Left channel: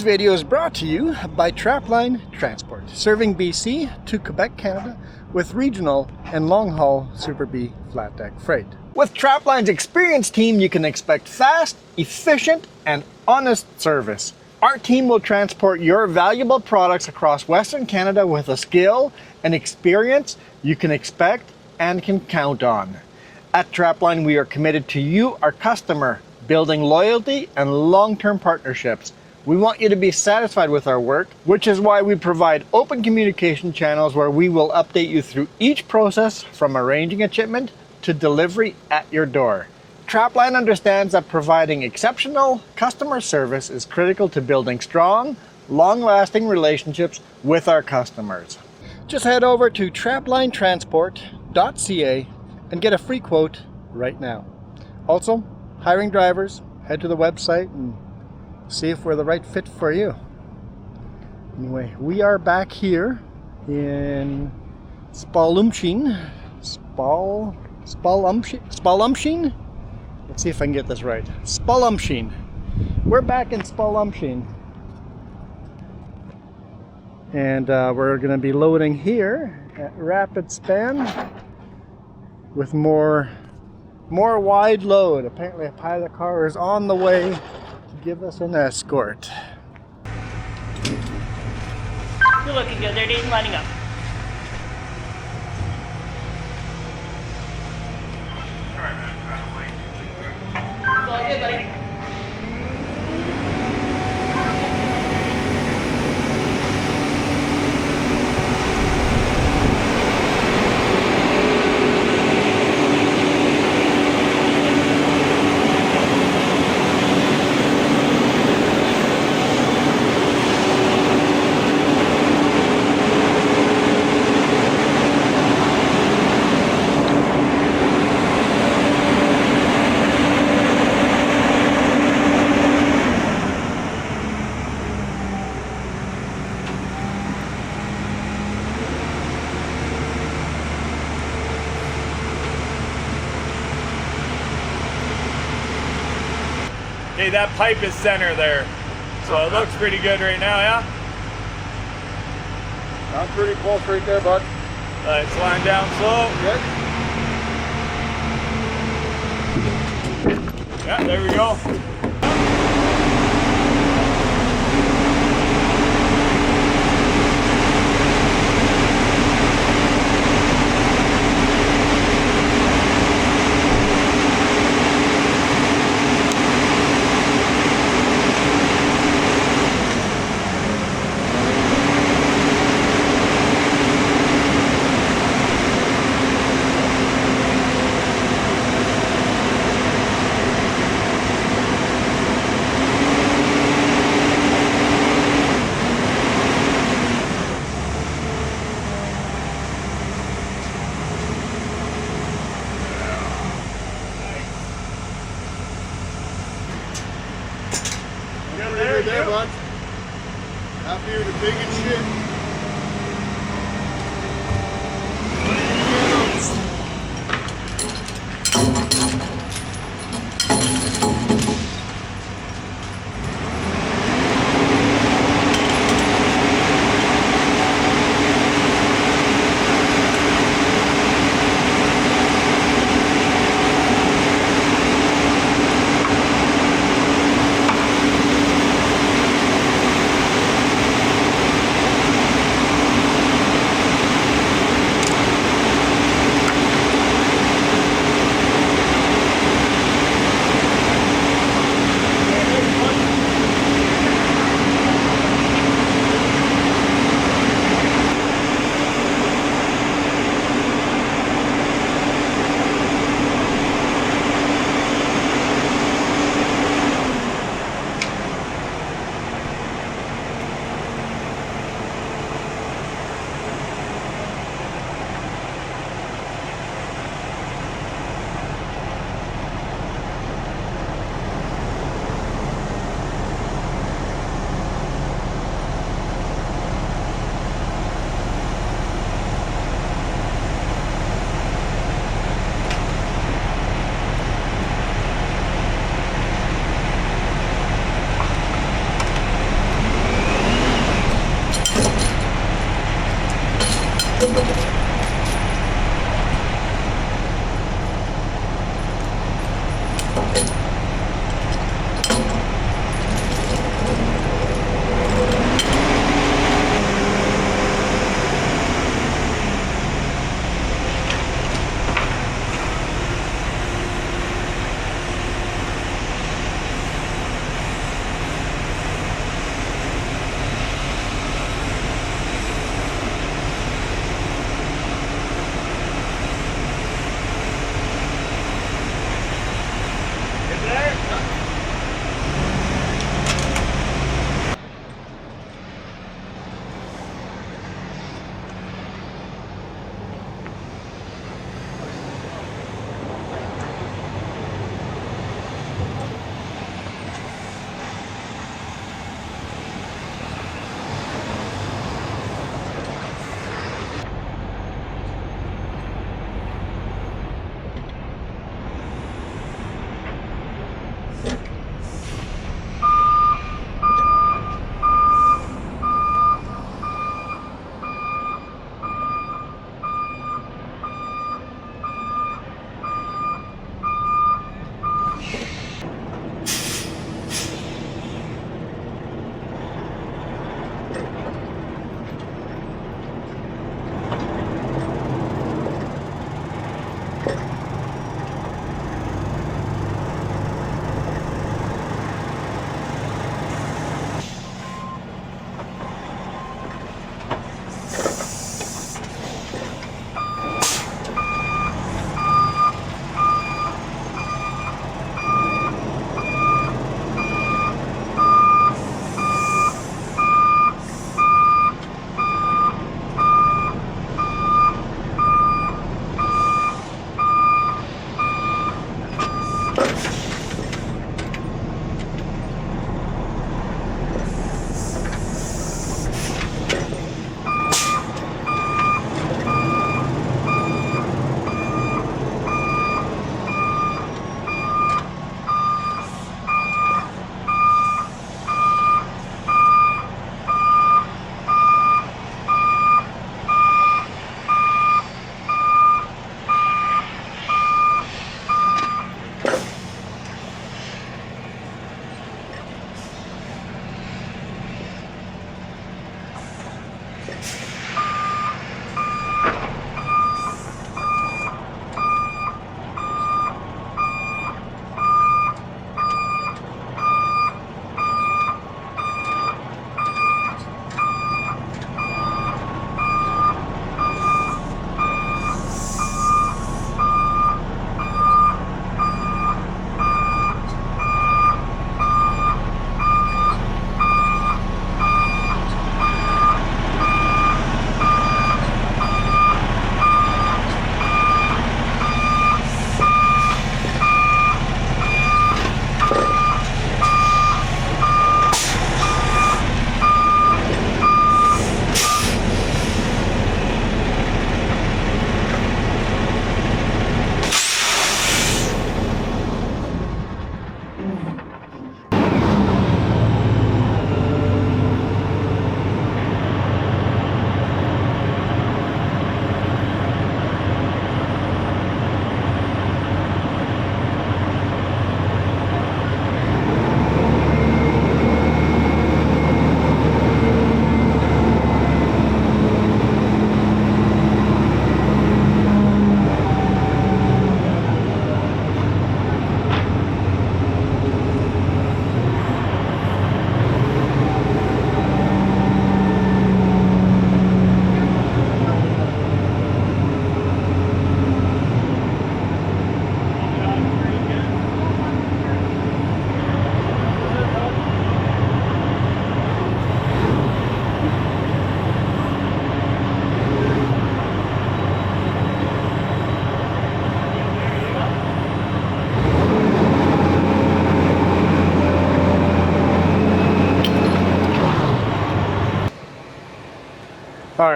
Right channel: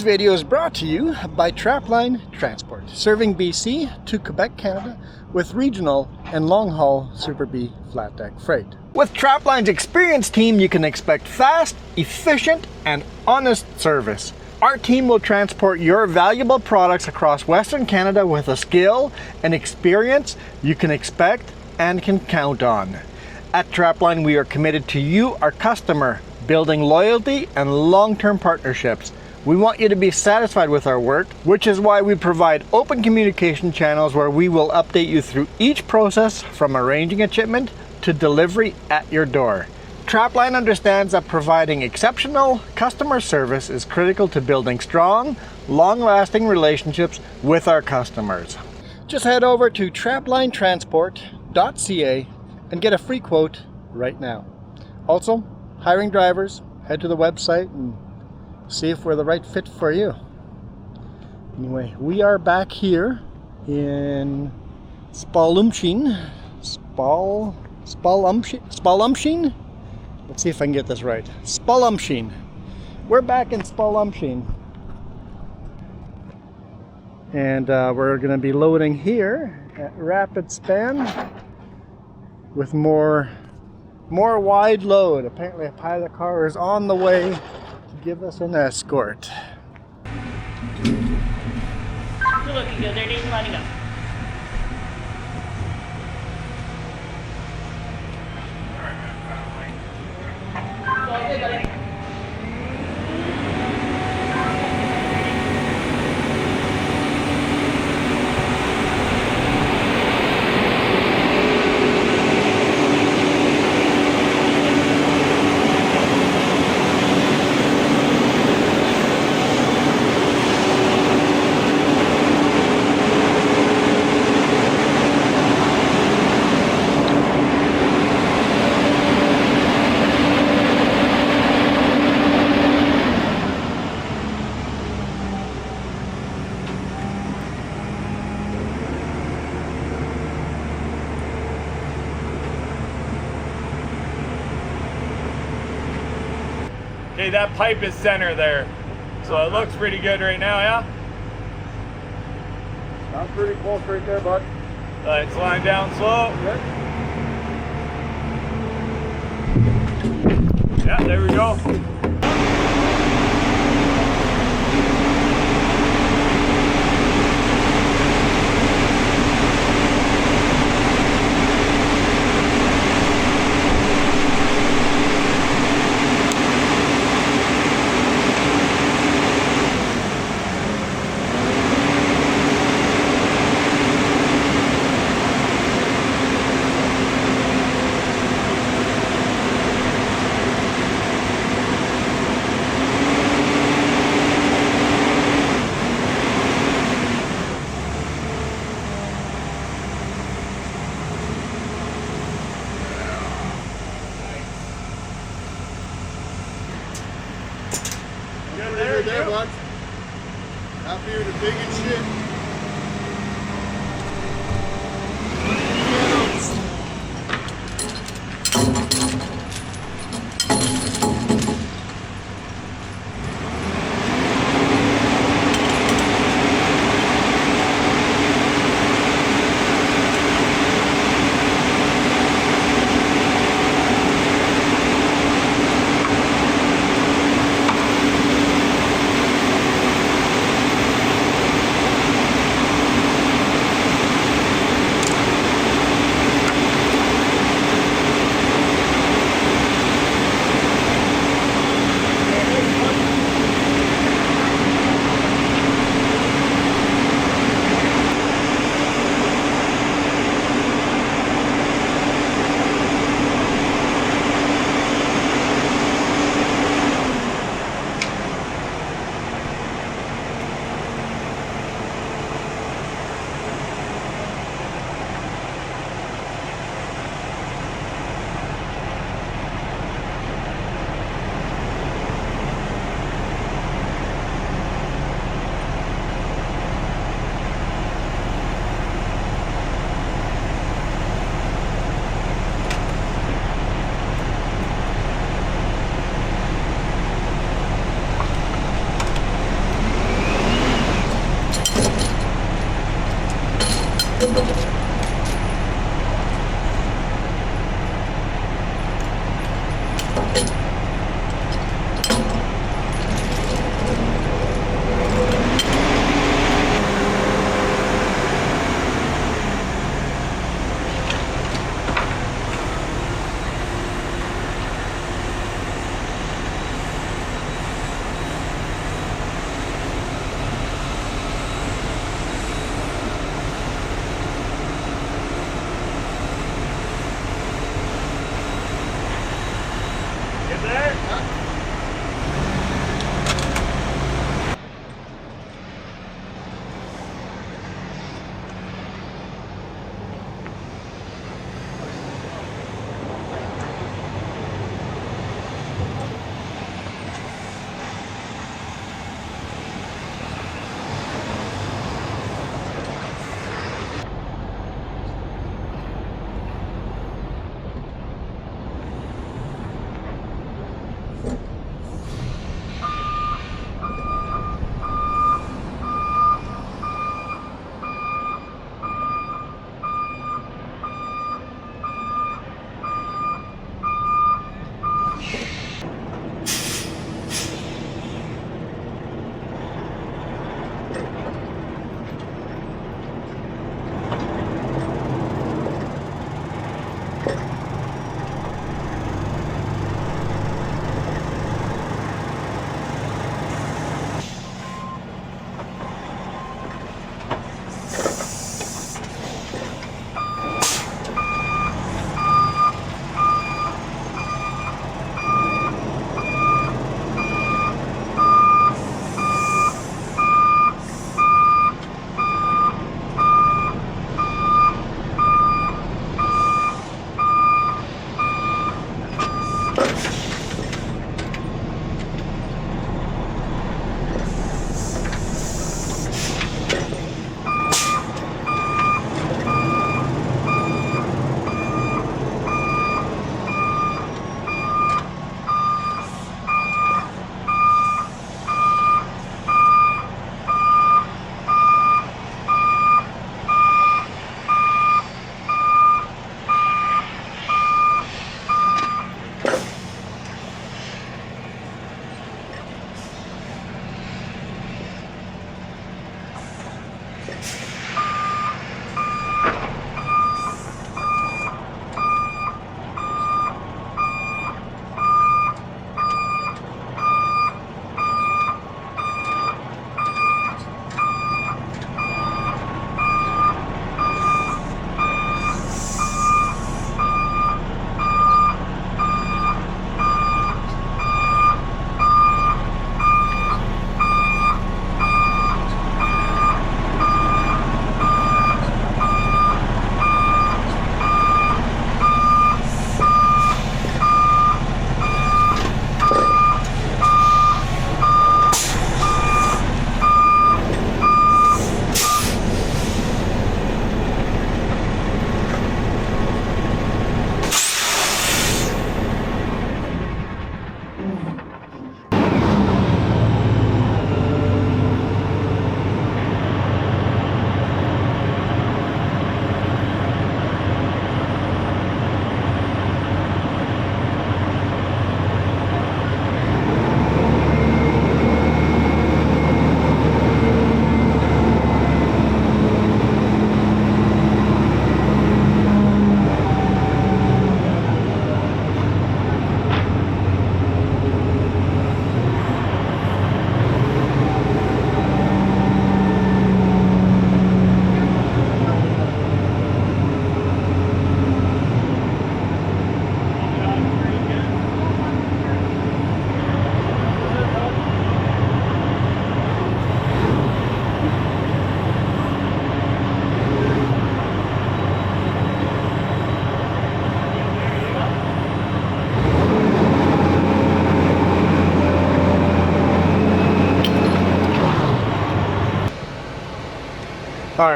This video is brought to you by Trapline Transport, serving BC to Quebec, Canada, with regional and long-haul Super B flat deck freight. With Trapline's experienced team, you can expect fast, efficient, and honest service. Our team will transport your valuable products across Western Canada with a skill and experience you can expect and can count on. At Trapline, we are committed to you, our customer, building loyalty and long-term partnerships. We want you to be satisfied with our work, which is why we provide open communication channels where we will update you through each process from arranging a shipment to delivery at your door. Trapline understands that providing exceptional customer service is critical to building strong, long-lasting relationships with our customers. Just head over to traplinetransport.ca and get a free quote right now. Also, hiring drivers, head to the website and see if we're the right fit for you. Anyway, we are back here in Spalumsheen. Spalumsheen? Let's see if I can get this right. Spalumsheen. We're back in Spalumsheen. And we're going to be loading here at Rapid Span with more wide load. Apparently a pilot car is on the way to give us an escort. Okay, that pipe is center there, so it looks pretty good right now, yeah? I'm pretty close right there, bud. Let's line down slow. Good. Yeah, there we go.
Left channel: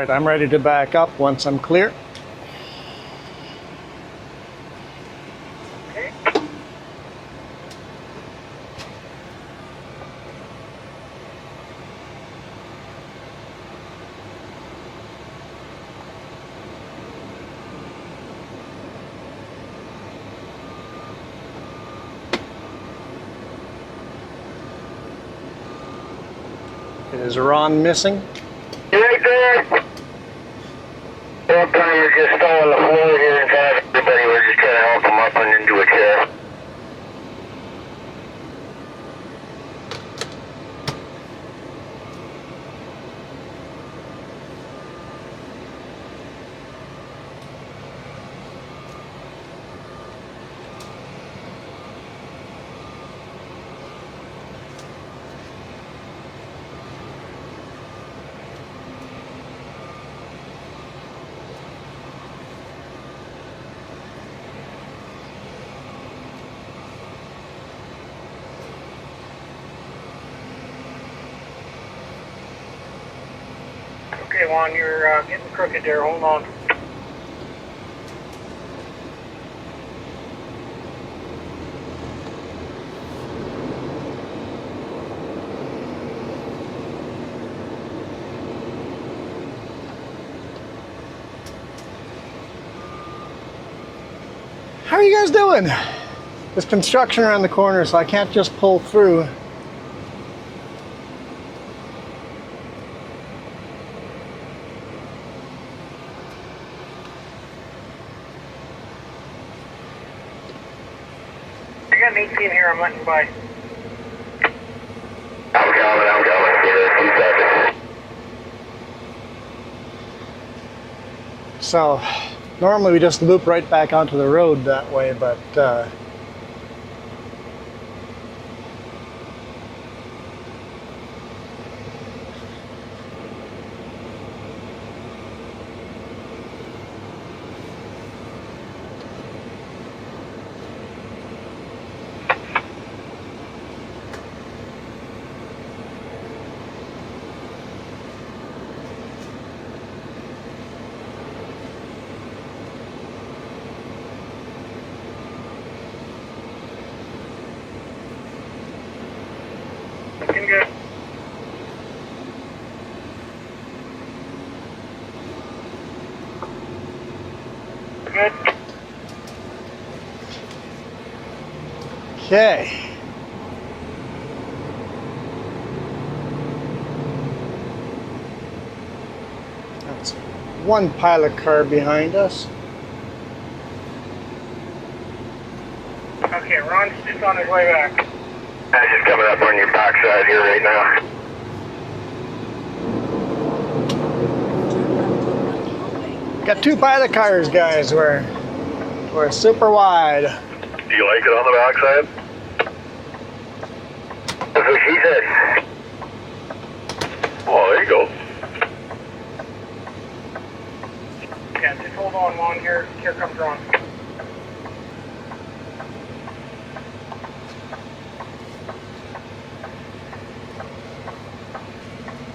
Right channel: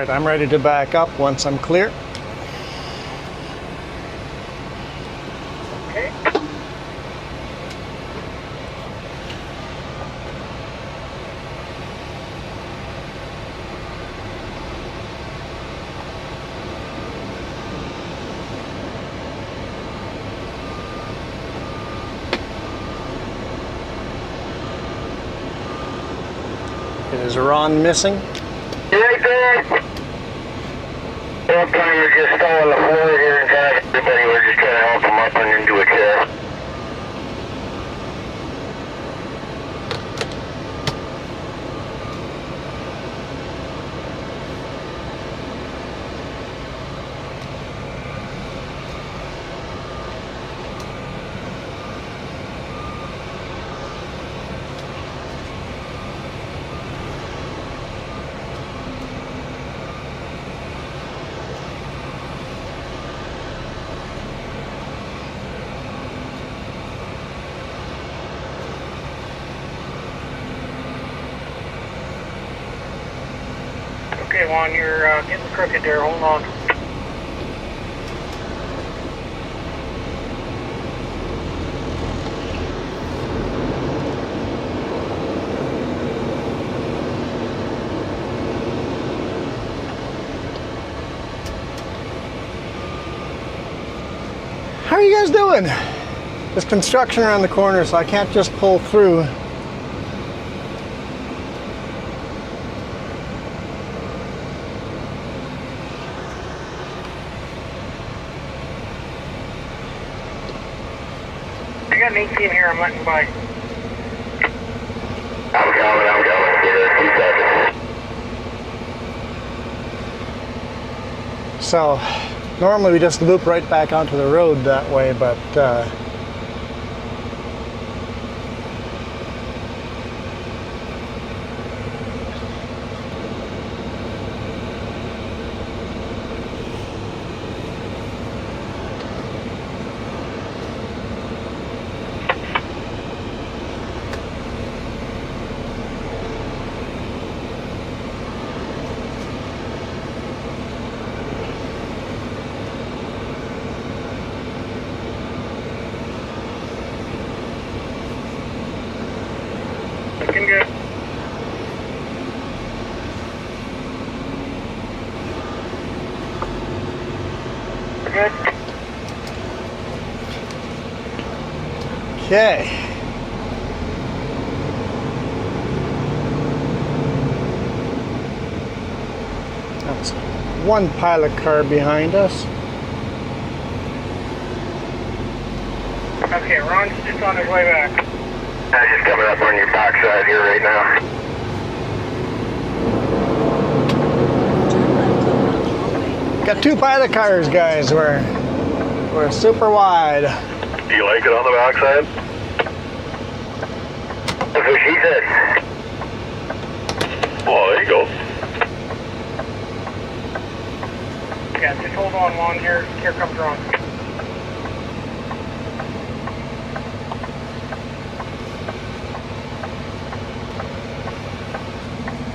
right, I'm ready to back up once I'm clear. Okay. Is Ron missing? Right there. One time we're just on the floor here and kind of everybody, we're just trying to help him up and into a chair. Okay, Juan, you're getting crooked there. Hold on. How are you guys doing? There's construction around the corner, so I can't just pull through. I got an 18 here. I'm letting by. I'm coming. So, normally we just loop right back onto the road that way, but okay. That's one pilot car behind us. Okay, Ron's just on his way back. I'm just coming up on your backside here right now. Got two pilot cars, guys. We're super wide. Do you like it on the backside? That's what she said. Oh, there you go. Yeah, just hold on, Juan. Here comes Ron.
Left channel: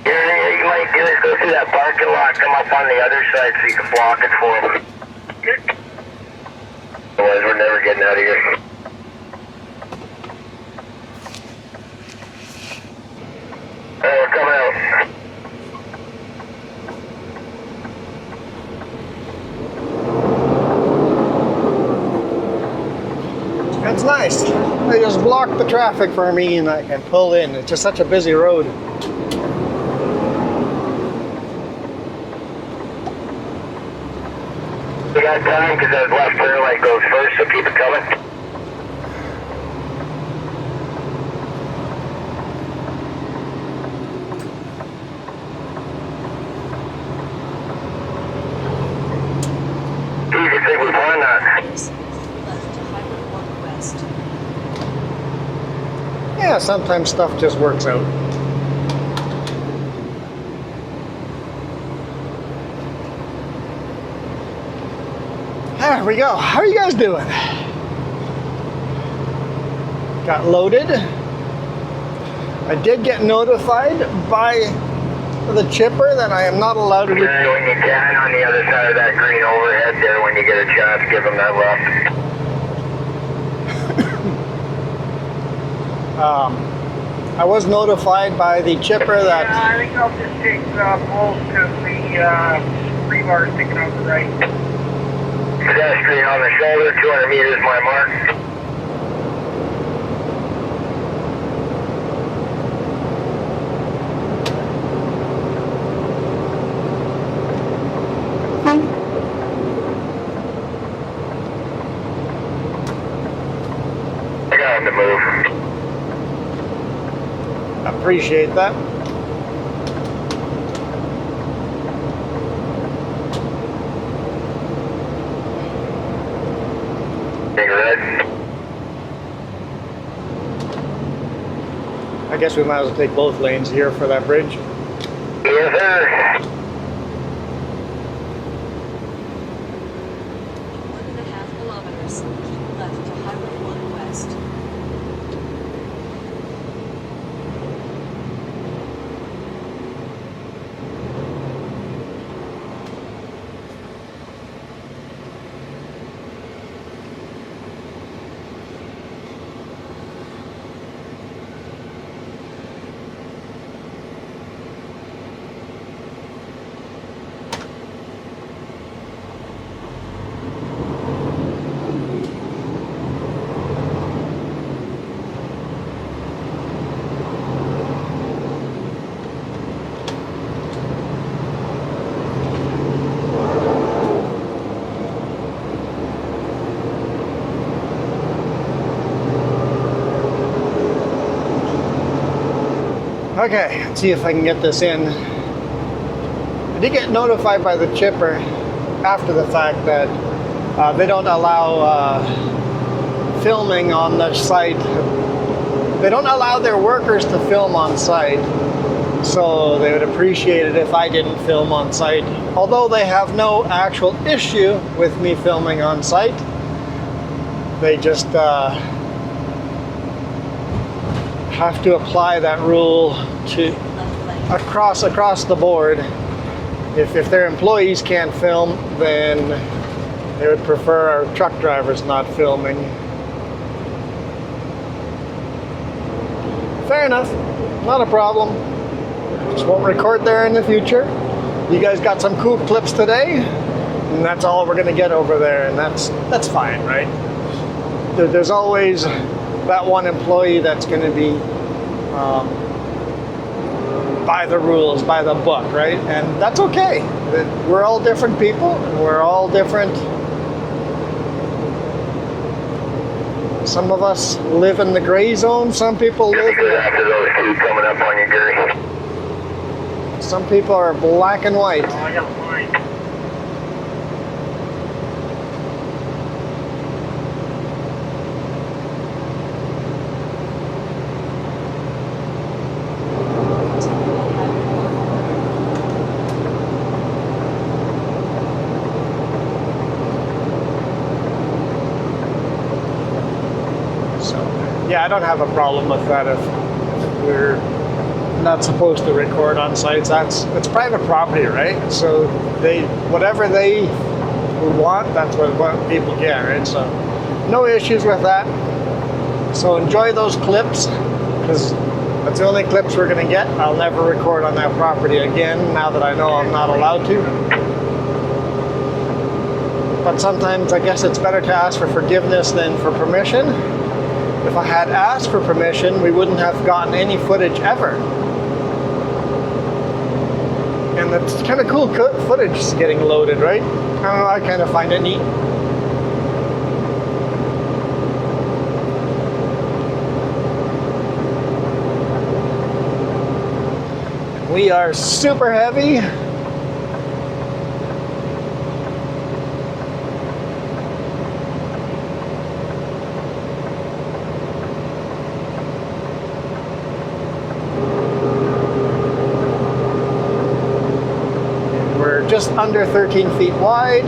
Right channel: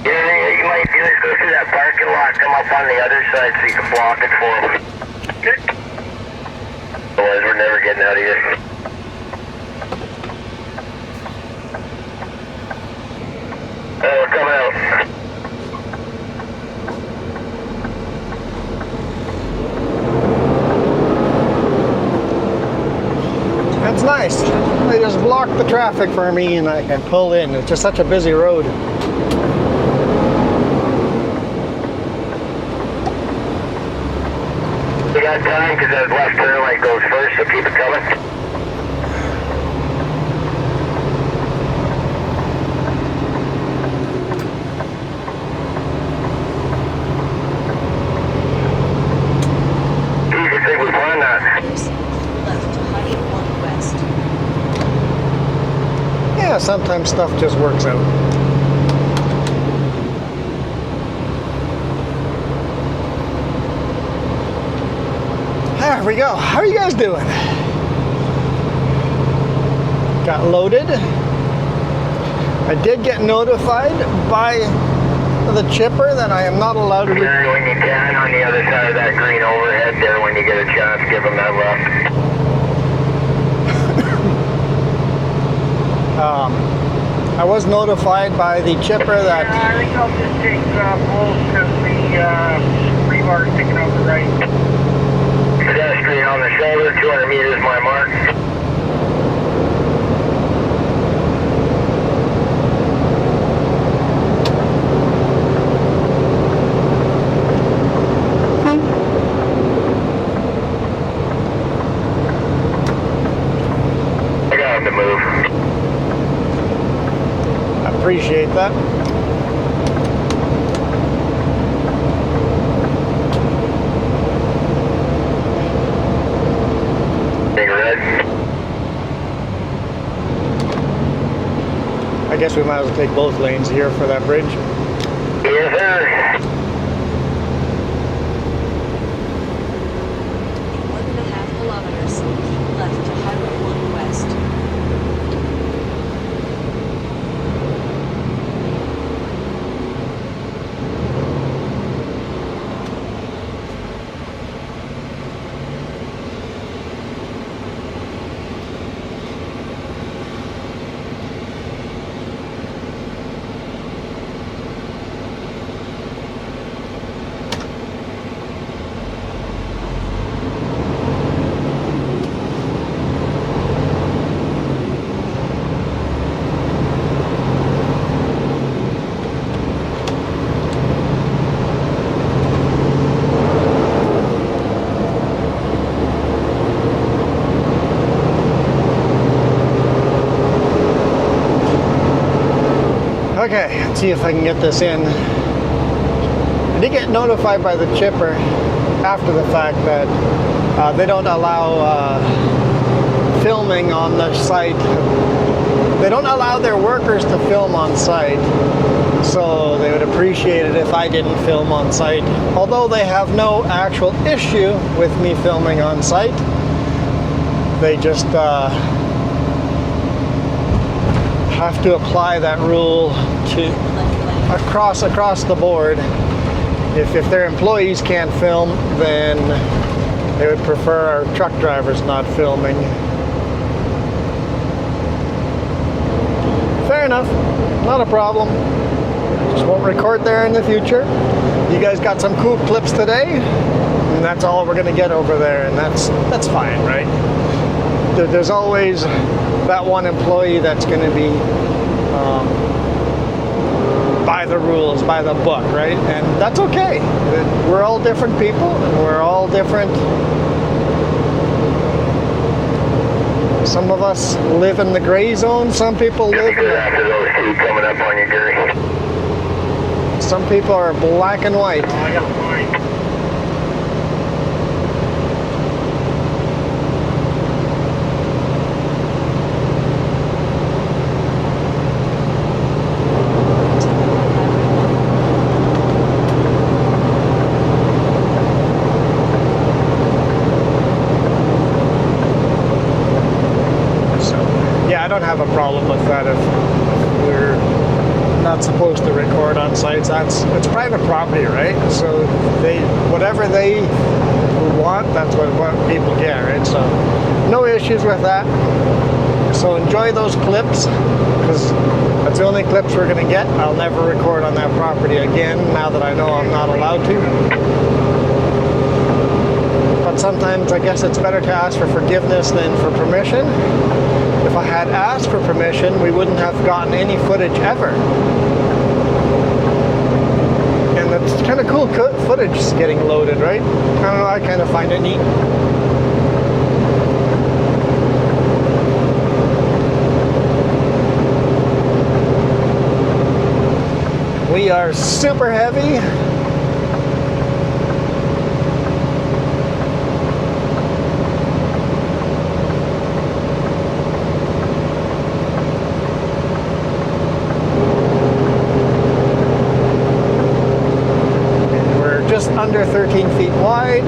Yeah, you might do is go through that parking lot, come up on the other side so you can block it for them. Otherwise, we're never getting out of here. Come out. That's nice. They just block the traffic for me and I can pull in. It's just such a busy road. We got time because that left turn lane goes first, so keep it coming. Do you think we find that? Left to Highway 1 West. Yeah, sometimes stuff just works out. There we go. How are you guys doing? Got loaded. I did get notified by the chipper, then I am not allowed to. When you can, on the other side of that green overhead there, when you get a chance, give them that left. I was notified by the chipper that. I think I'll just take both because the rebar is sticking out the right. Pedestrian on the shoulder, 200 meters my mark. I got him to move. Appreciate that. Big red. I guess we might as well take both lanes here for that bridge. Yes, sir. 1.5 kilometers. Keep left to Highway 1 West. Okay, let's see if I can get this in. I did get notified by the chipper after the fact that they don't allow filming on the site. They don't allow their workers to film on site, so they would appreciate it if I didn't film on site. Although they have no actual issue with me filming on site, they just have to apply that rule to across the board. If their employees can't film, then they would prefer our truck drivers not filming. Fair enough, not a problem. Just won't record there in the future. You guys got some cool clips today, and that's all we're gonna get over there, and that's fine, right? There's always that one employee that's going to be by the rules, by the book, right? And that's okay. We're all different people, and we're all different. Some of us live in the gray zone. Some people live in After those two coming up on you, Gary. some people are black and white. I got mine. Yeah, I don't have a problem with that if we're not supposed to record on sites. It's private property, right? So whatever they want, that's what people get, right? So no issues with that. So enjoy those clips, because that's the only clips we're gonna get. I'll never record on that property again now that I know I'm not allowed to. But sometimes I guess it's better to ask for forgiveness than for permission. If I had asked for permission, we wouldn't have gotten any footage ever. And it's kind of cool footage is getting loaded, right? I kind of find it neat. We are super heavy. Under 13 feet wide.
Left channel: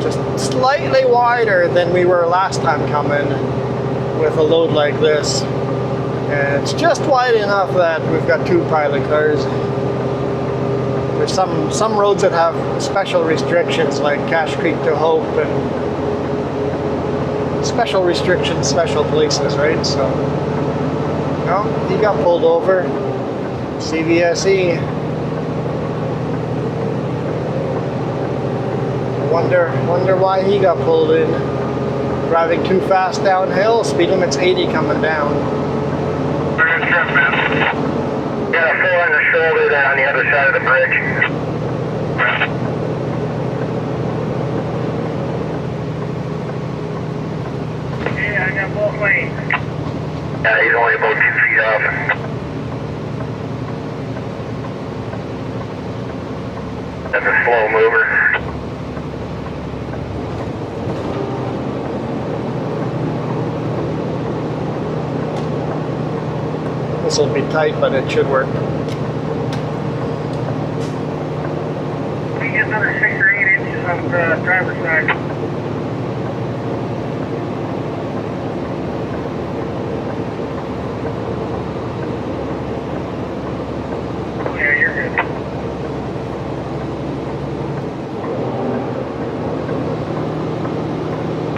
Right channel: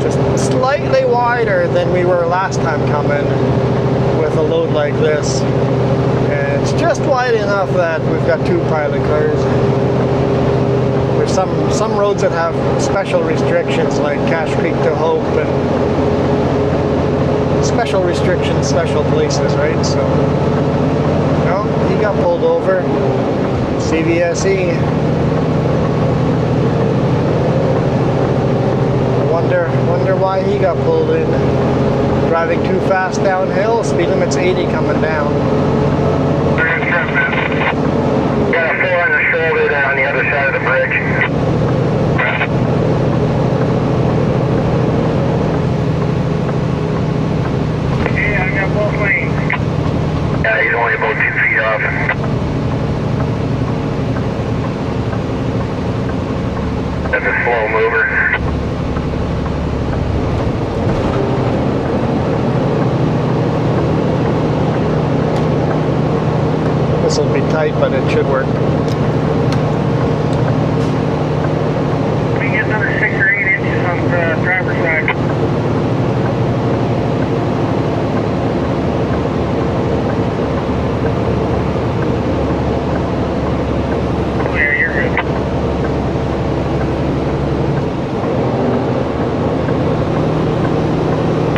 Just slightly wider than we were last time coming. with a load like this. And it's just wide enough that we've got 2 pilot cars. There's some roads that have special restrictions, like Cache Creek to Hope, and special restrictions, special places, right? So, well, he got pulled over. CVSE. Wonder why he got pulled in. Driving too fast downhill. Speed limit's 80 coming down. Got a 4 on the shoulder down on the other side of the bridge. Yeah, I got both lanes. Yeah, he's only about 2 feet off. That's a slow mover. This will be tight, but it should work. We get another 6 or 8 inches on the driver's side. Oh yeah, you're good.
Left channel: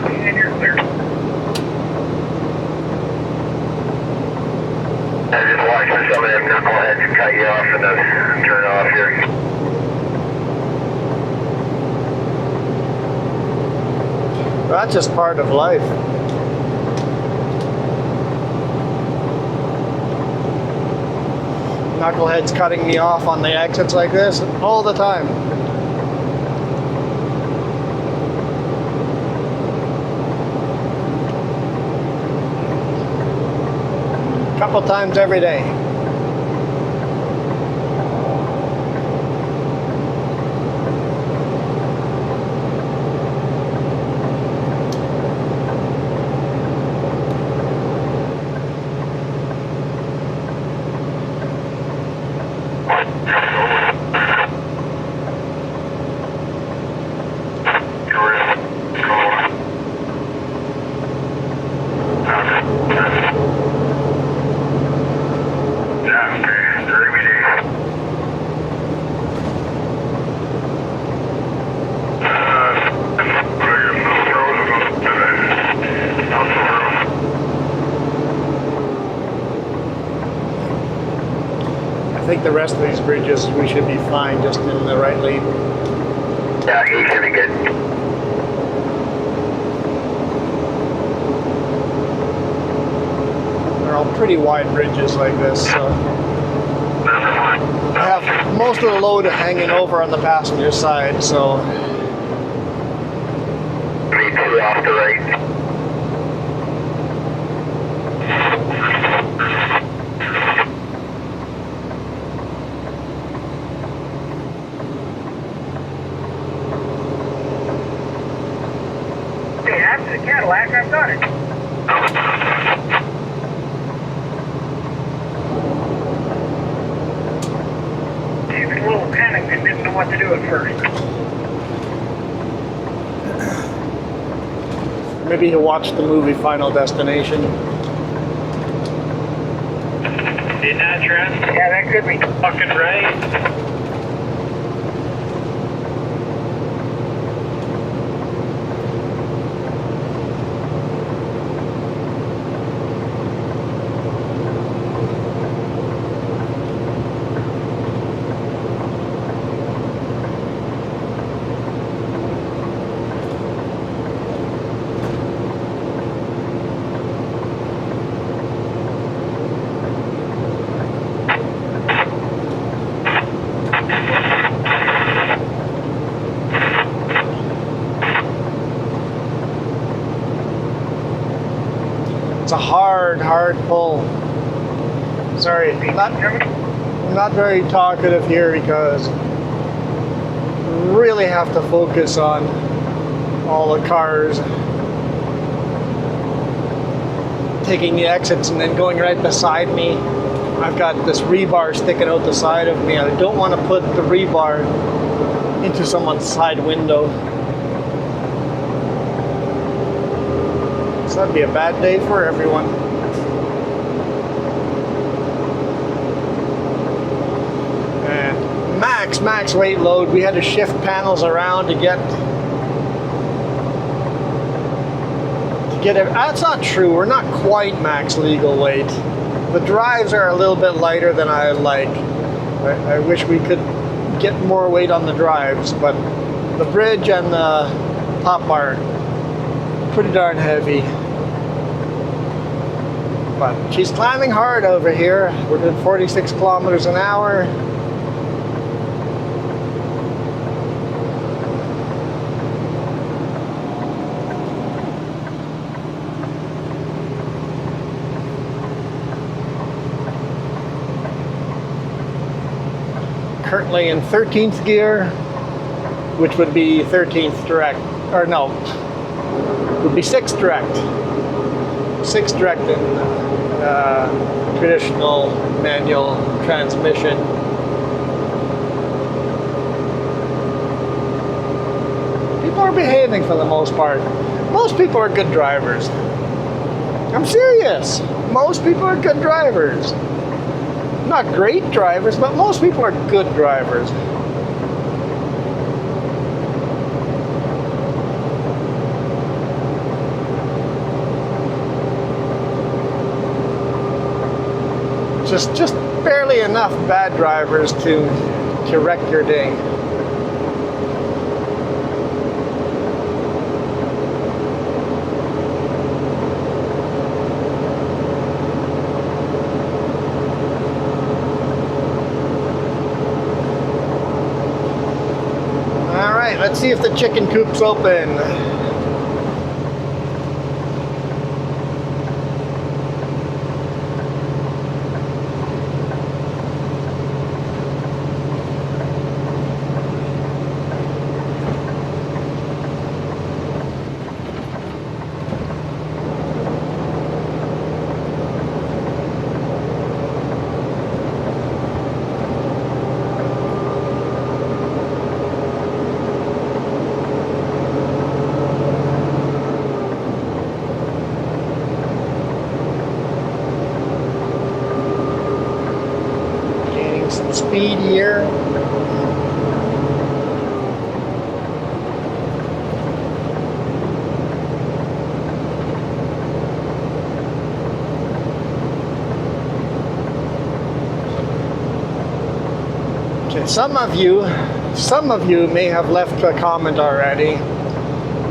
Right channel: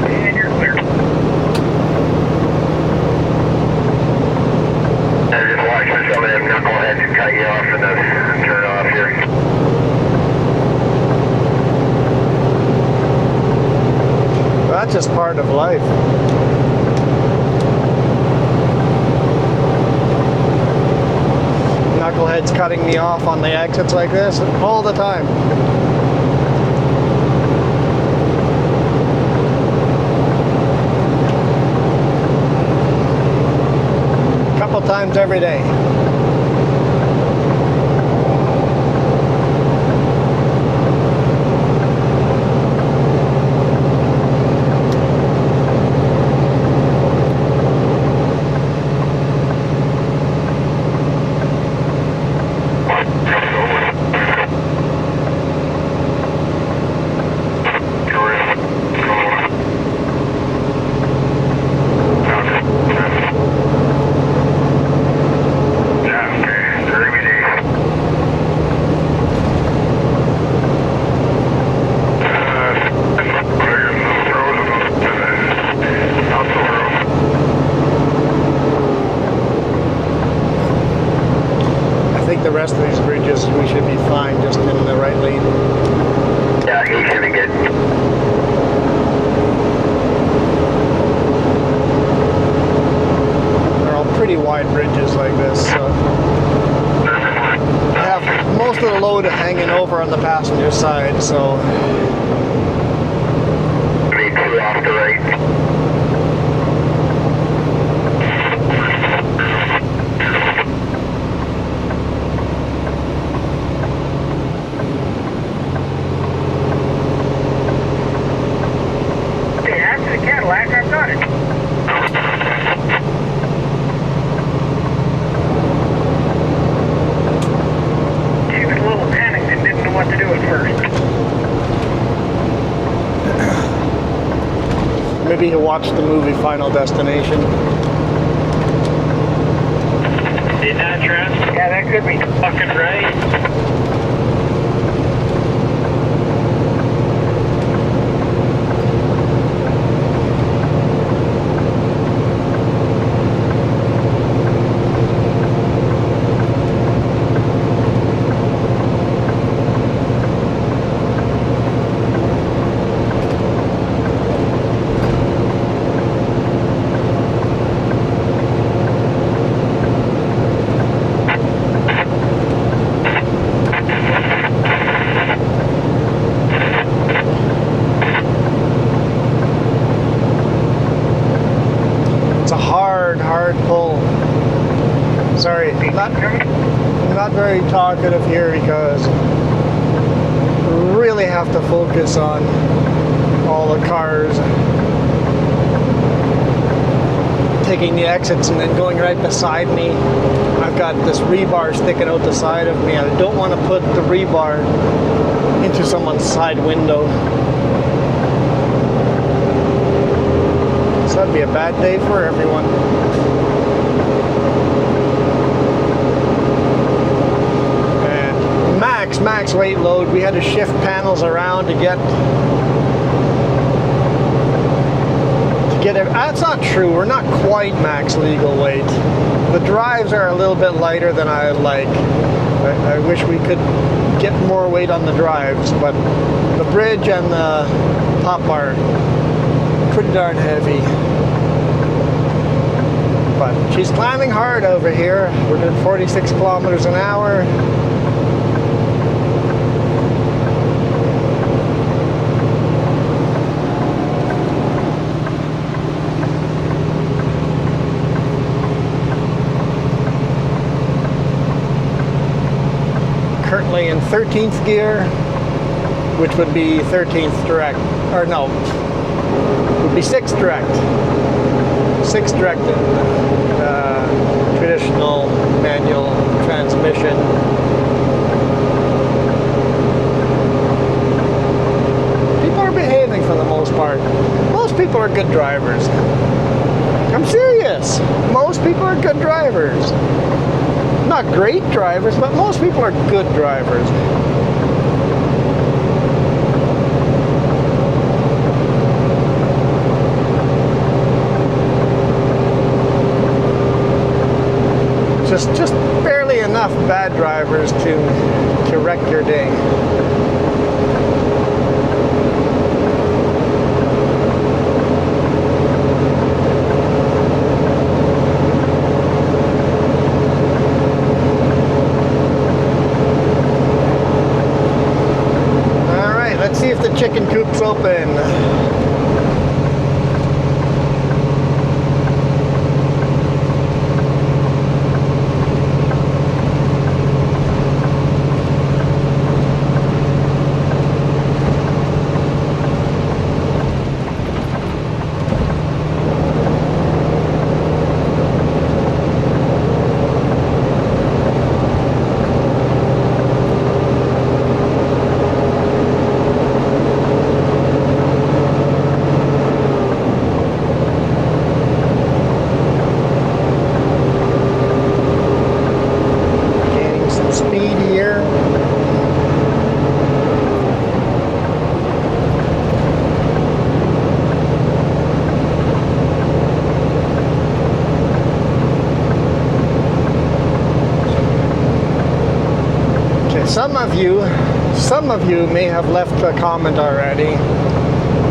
And you're clear. I'm just watching some of them knuckleheads cut you off and then turn off here. Well, that's just part of life. Knuckleheads cutting me off on the exits like this all the time. Couple times every day. I think the rest of these bridges we should be fine, just in the right lane. Yeah, he should be good. They're all pretty wide bridges like this. So I have most of the load hanging over on the passenger side, so Me 2 off the right. Hey, that's the Cadillac, I got it. She was a little panicked and didn't know what to do at first. maybe he'll watch the movie Final Destination. Isn't that Trent? Yeah, that could be. Fucking right. Hard pull. Sorry, I'm not very talkative here because I really have to focus on all the cars taking the exits and then going right beside me. I've got this rebar sticking out the side of me. I don't want to put the rebar into someone's side window. 7 be a bad day for everyone. And max weight load. We had to shift panels around to get it. That's not true. We're not quite max legal weight. The drives are a little bit lighter than I like. I wish we could get more weight on the drives, but the bridge and the top are pretty darn heavy. But she's climbing hard over here. We're doing 46 kilometers an hour. Currently in 13th gear, which would be 13th direct, or no, would be 6th direct. 6th direct in traditional manual transmission. People are behaving for the most part. Most people are good drivers. I'm serious. Most people are good drivers. Not great drivers, but most people are good drivers. Just barely enough bad drivers to wreck your day. Chicken coop's open. Some of you may have left a comment already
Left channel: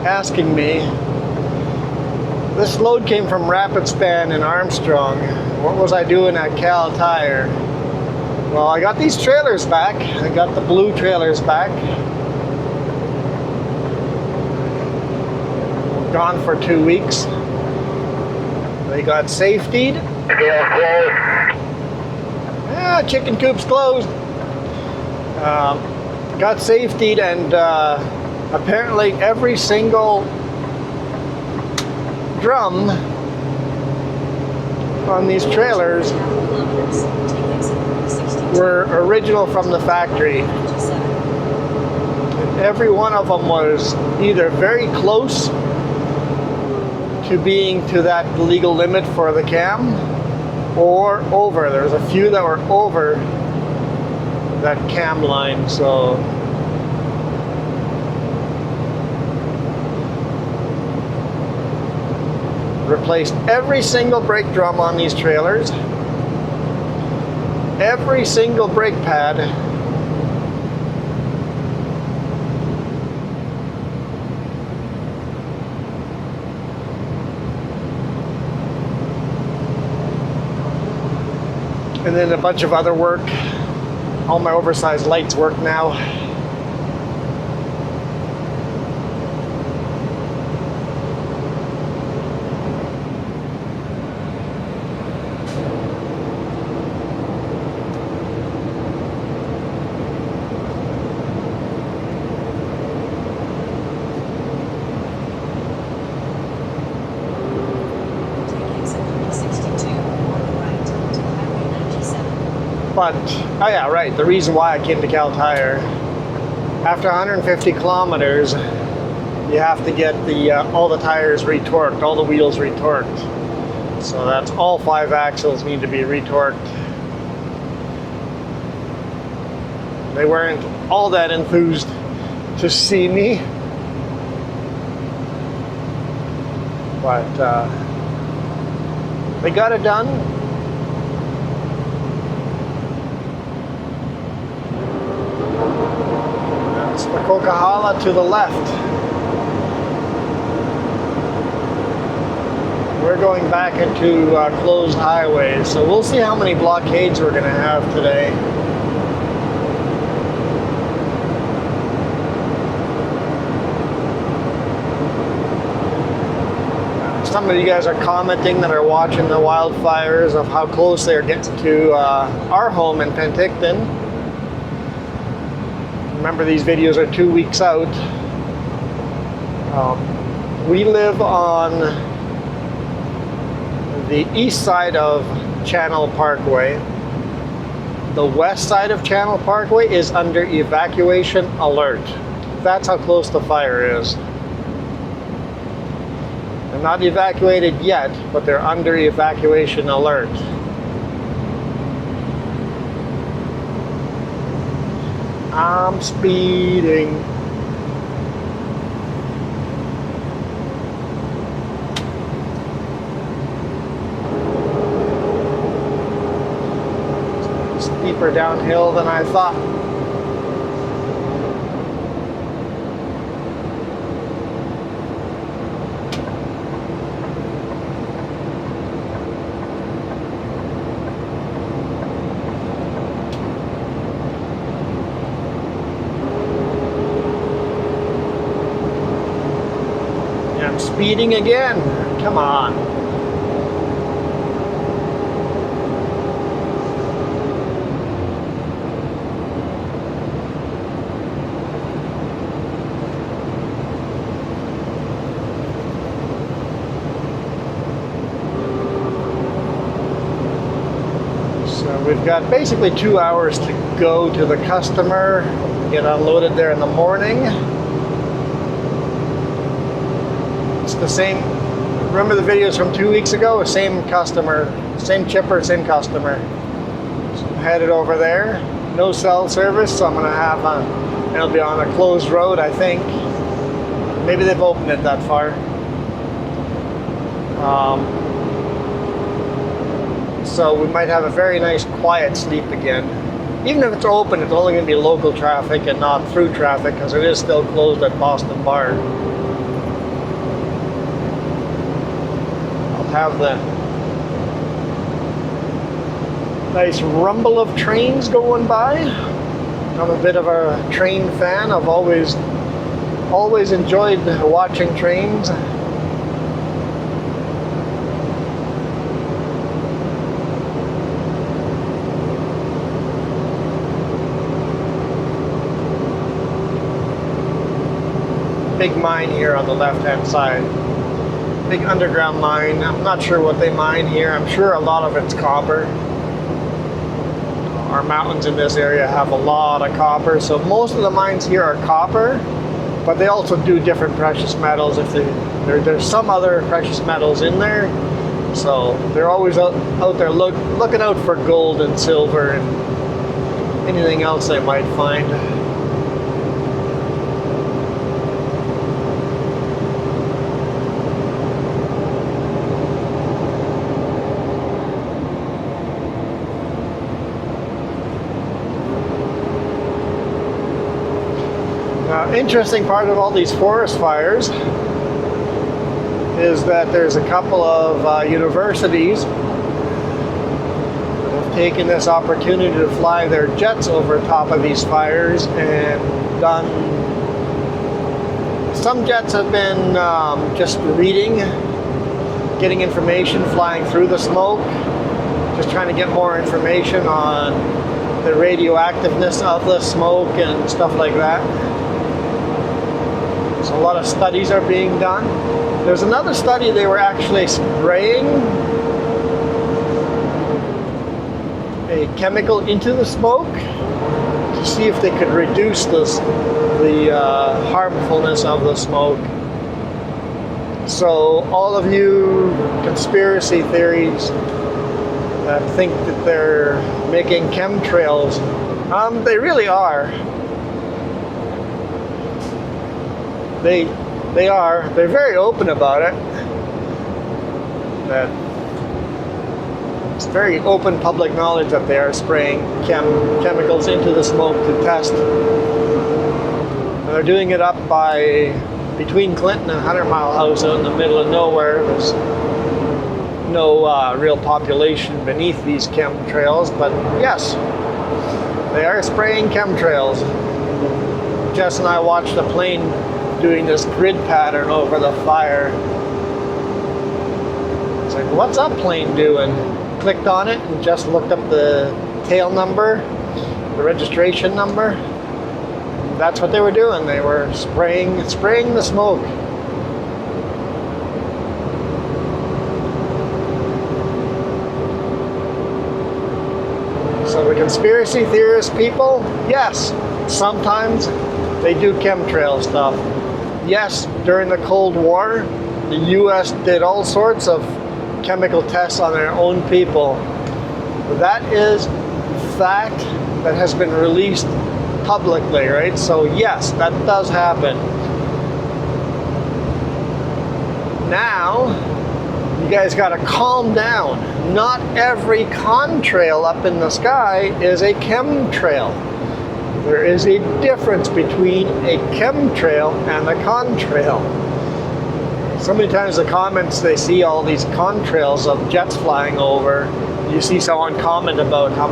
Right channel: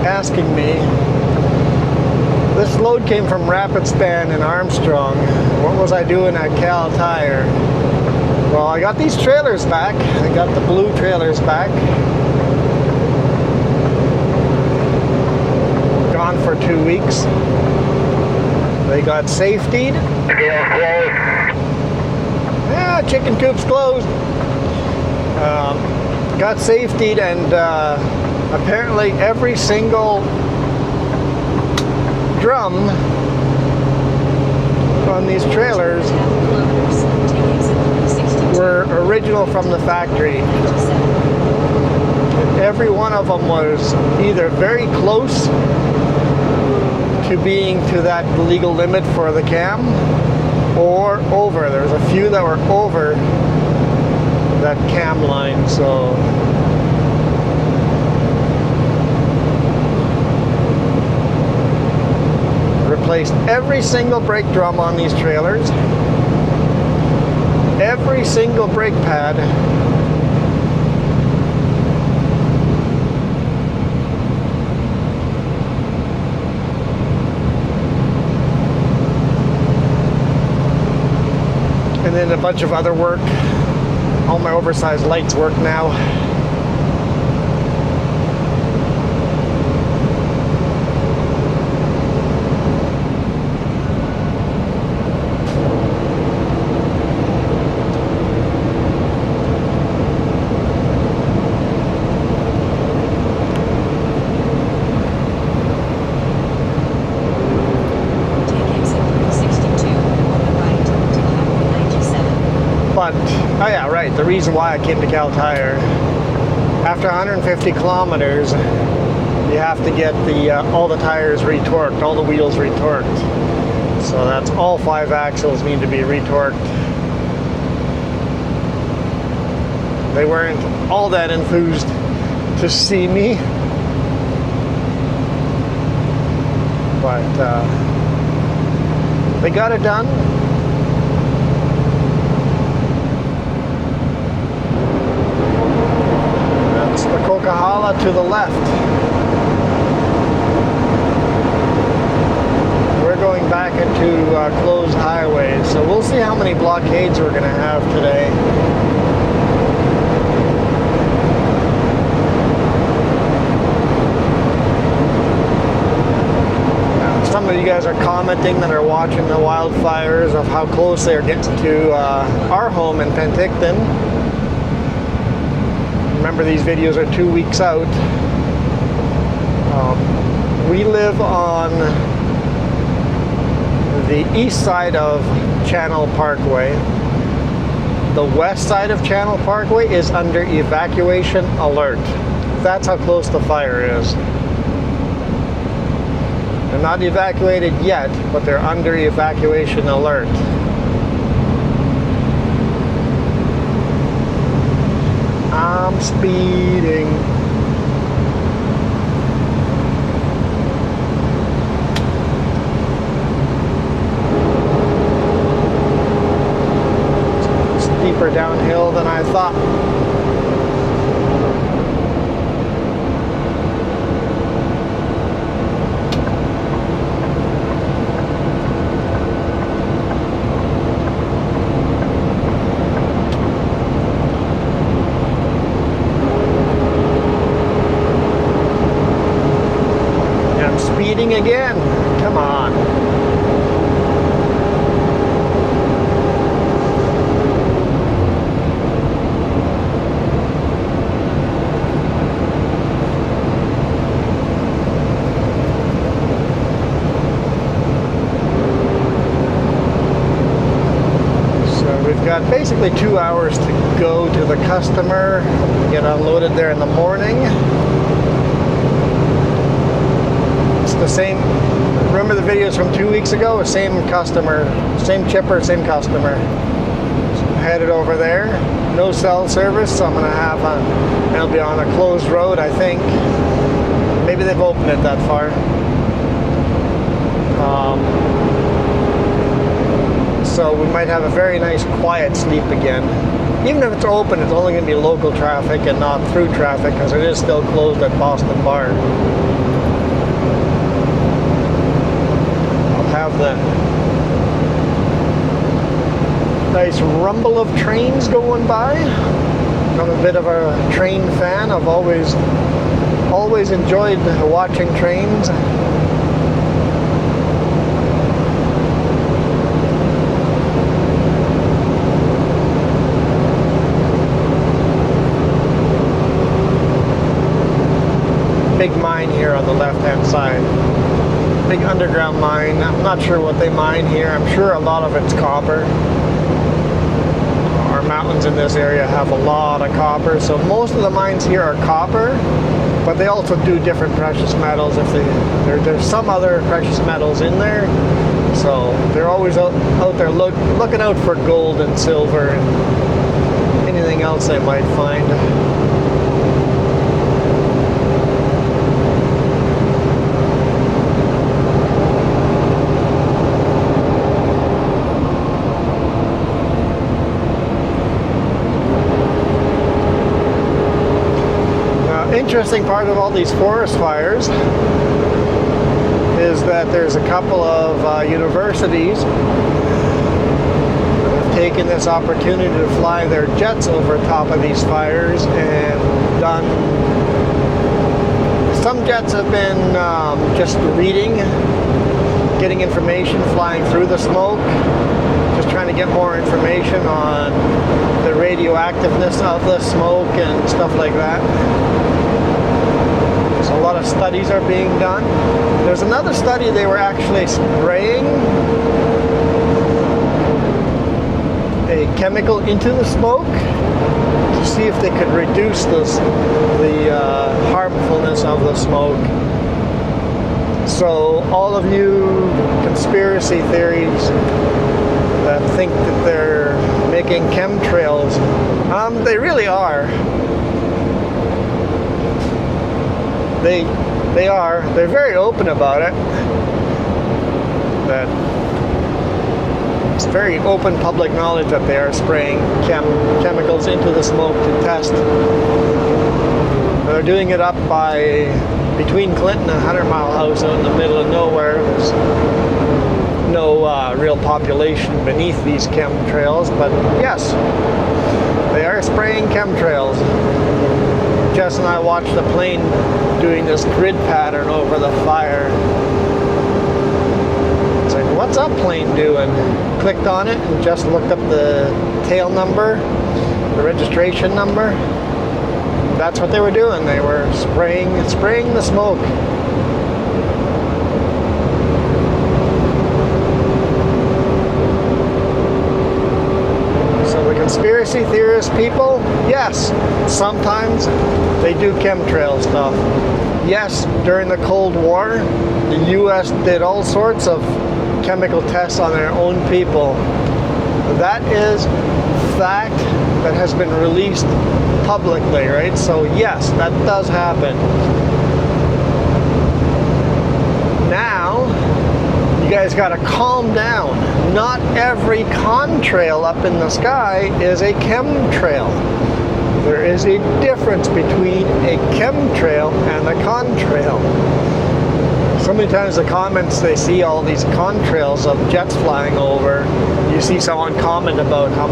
asking me. This load came from Rapid Span in Armstrong. What was I doing at Cal Tire? Well, I got these trailers back. I got the blue trailers back. Gone for 2 weeks. They got safetied. Yeah, chicken coop's closed. Got safetied, and apparently every single drum on these trailers were original from the factory. Every one of them was either very close to being to that legal limit for the cam or over. There was a few that were over that cam line, so replaced every single brake drum on these trailers, every single brake pad, and then a bunch of other work. All my oversized lights work now. But, oh yeah, right, the reason why I came to Cal Tire, after 150 kilometers, you have to get the all the tires retorqued, all the wheels retorqued. So that's all 5 axles need to be retorqued. They weren't all that enthused to see me, but they got it done. That's the Coquihalla to the left. We're going back into closed highways, so we'll see how many blockades we're going to have today. Some of you guys are commenting that are watching the wildfires of how close they're getting to our home in Penticton. Remember, these videos are 2 weeks out. We live on the east side of Channel Parkway. The west side of Channel Parkway is under evacuation alert. That's how close the fire is. They're not evacuated yet, but they're under evacuation alert. I'm speeding. Steeper downhill than I thought. Speeding again. Come on. So we've got basically 2 hours to go to the customer, get unloaded there in the morning. The same, remember the videos from 2 weeks ago? Same customer, same chipper, same customer. So I'm headed over there. No cell service, so I'm going to have it'll be on a closed road, I think. Maybe they've opened it that far. So we might have a very nice quiet sleep again. Even if it's open, it's only going to be local traffic and not through traffic, because it is still closed at Boston Bar. Have the nice rumble of trains going by. I'm a bit of a train fan. I've always enjoyed watching trains. Big mine here on the left-hand side. Big underground mine. I'm not sure what they mine here. I'm sure a lot of it's copper. Our mountains in this area have a lot of copper, so most of the mines here are copper, but they also do different precious metals. There's some other precious metals in there, so they're always out there looking out for gold and silver and anything else they might find. Interesting part of all these forest fires is that there's a couple of universities that have taken this opportunity to fly their jets over top of these fires and done. Some jets have been just reading, getting information, flying through the smoke, just trying to get more information on the radioactiveness of the smoke and stuff like that. So a lot of studies are being done. There's another study they were actually spraying a chemical into the smoke to see if they could reduce the harmfulness of the smoke. So all of you conspiracy theories that think that they're making chemtrails, they really are. They are. They're very open about it. That it's very open public knowledge that they are spraying chemicals into the smoke to test. They're doing it up by between Clinton and 100 Mile House out in the middle of nowhere. There's no real population beneath these chemtrails, but yes, they are spraying chemtrails. Jess and I watched a plane doing this grid pattern over the fire. It's like, what's that plane doing? Clicked on it and just looked up the tail number, the registration number. That's what they were doing. They were spraying the smoke. So the conspiracy theorist people, yes, sometimes they do chemtrail stuff. Yes, during the Cold War, the US did all sorts of chemical tests on their own people. That is fact that has been released publicly, right? So yes, that does happen. Now, you guys gotta calm down. Not every contrail up in the sky is a chemtrail. There is a difference between a chemtrail and a contrail. So many times the comments, they see all these contrails of jets flying over. You see someone comment about how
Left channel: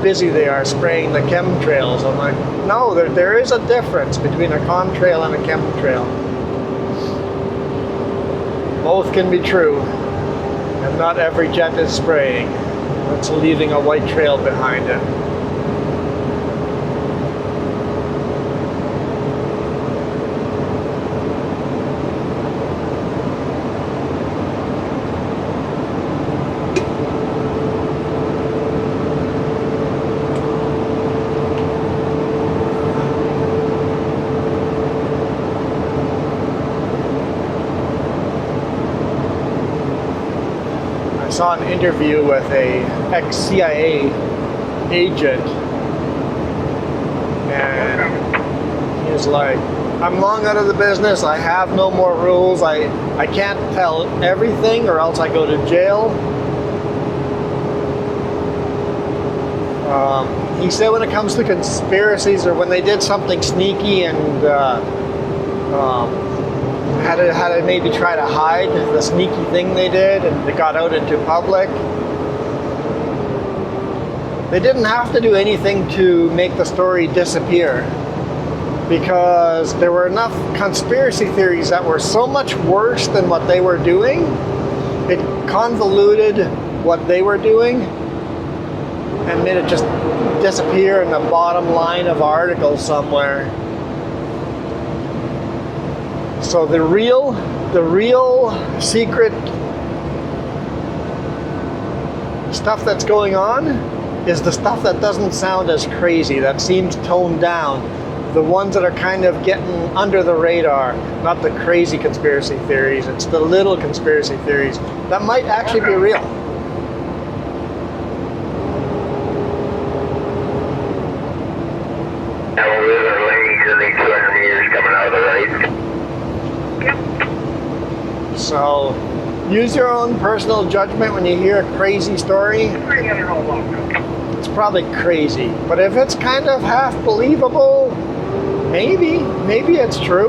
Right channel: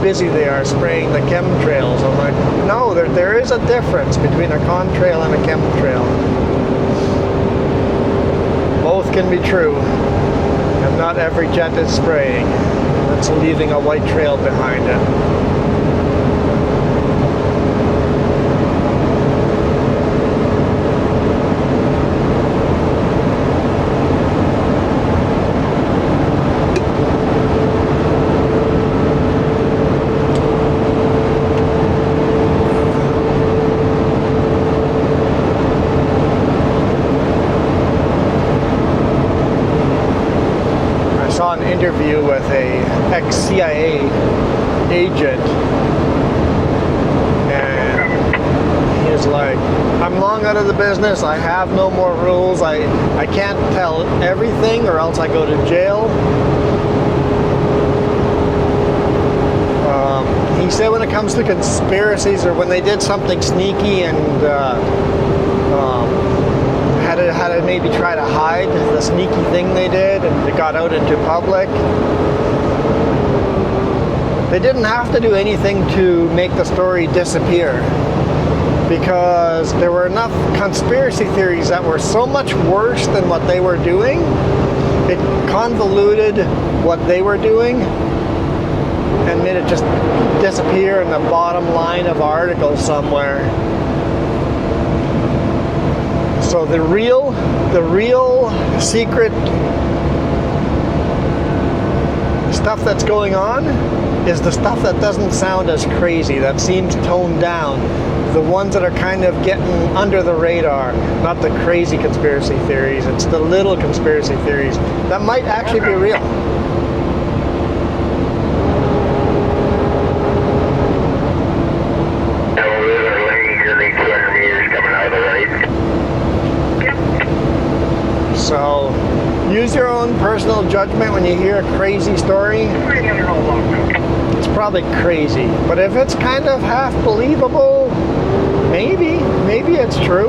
busy they are spraying the chemtrails. I'm like, no, there is a difference between a contrail and a chemtrail. Both can be true, and not every jet is spraying. It's leaving a white trail behind it. An interview with a ex-CIA agent, and he was like, I'm long out of the business, I have no more rules, I can't tell everything or else I go to jail. He said when it comes to conspiracies, or when they did something sneaky and had to maybe try to hide the sneaky thing they did, and it got out into public, they didn't have to do anything to make the story disappear, because there were enough conspiracy theories that were so much worse than what they were doing. It convoluted what they were doing and made it just disappear in the bottom line of articles somewhere. So the real secret stuff that's going on is the stuff that doesn't sound as crazy, that seems toned down. The ones that are kind of getting under the radar, not the crazy conspiracy theories. It's the little conspiracy theories that might actually be real. So, use your own personal judgment when you hear a crazy story. It's probably crazy, but if it's kind of half believable, maybe it's true.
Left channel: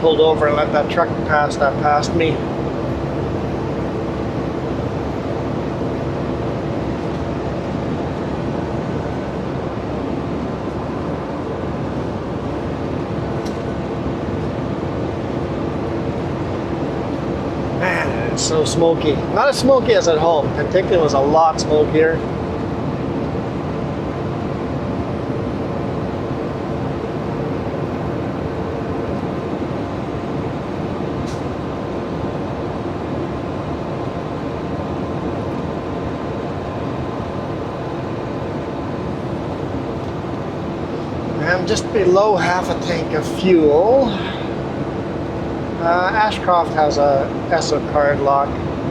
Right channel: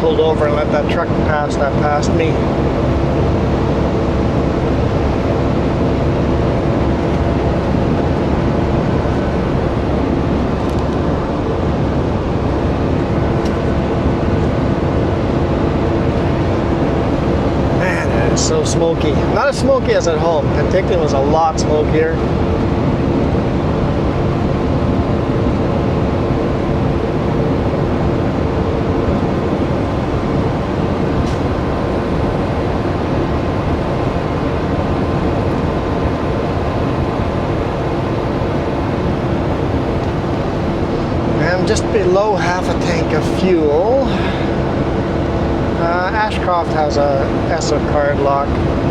pulled over and let that truck pass that passed me. Man, it's so smoky. Not as smoky as at home. Penticton was a lot smokier. Just below half a tank of fuel. Ashcroft has a ESSO card lock.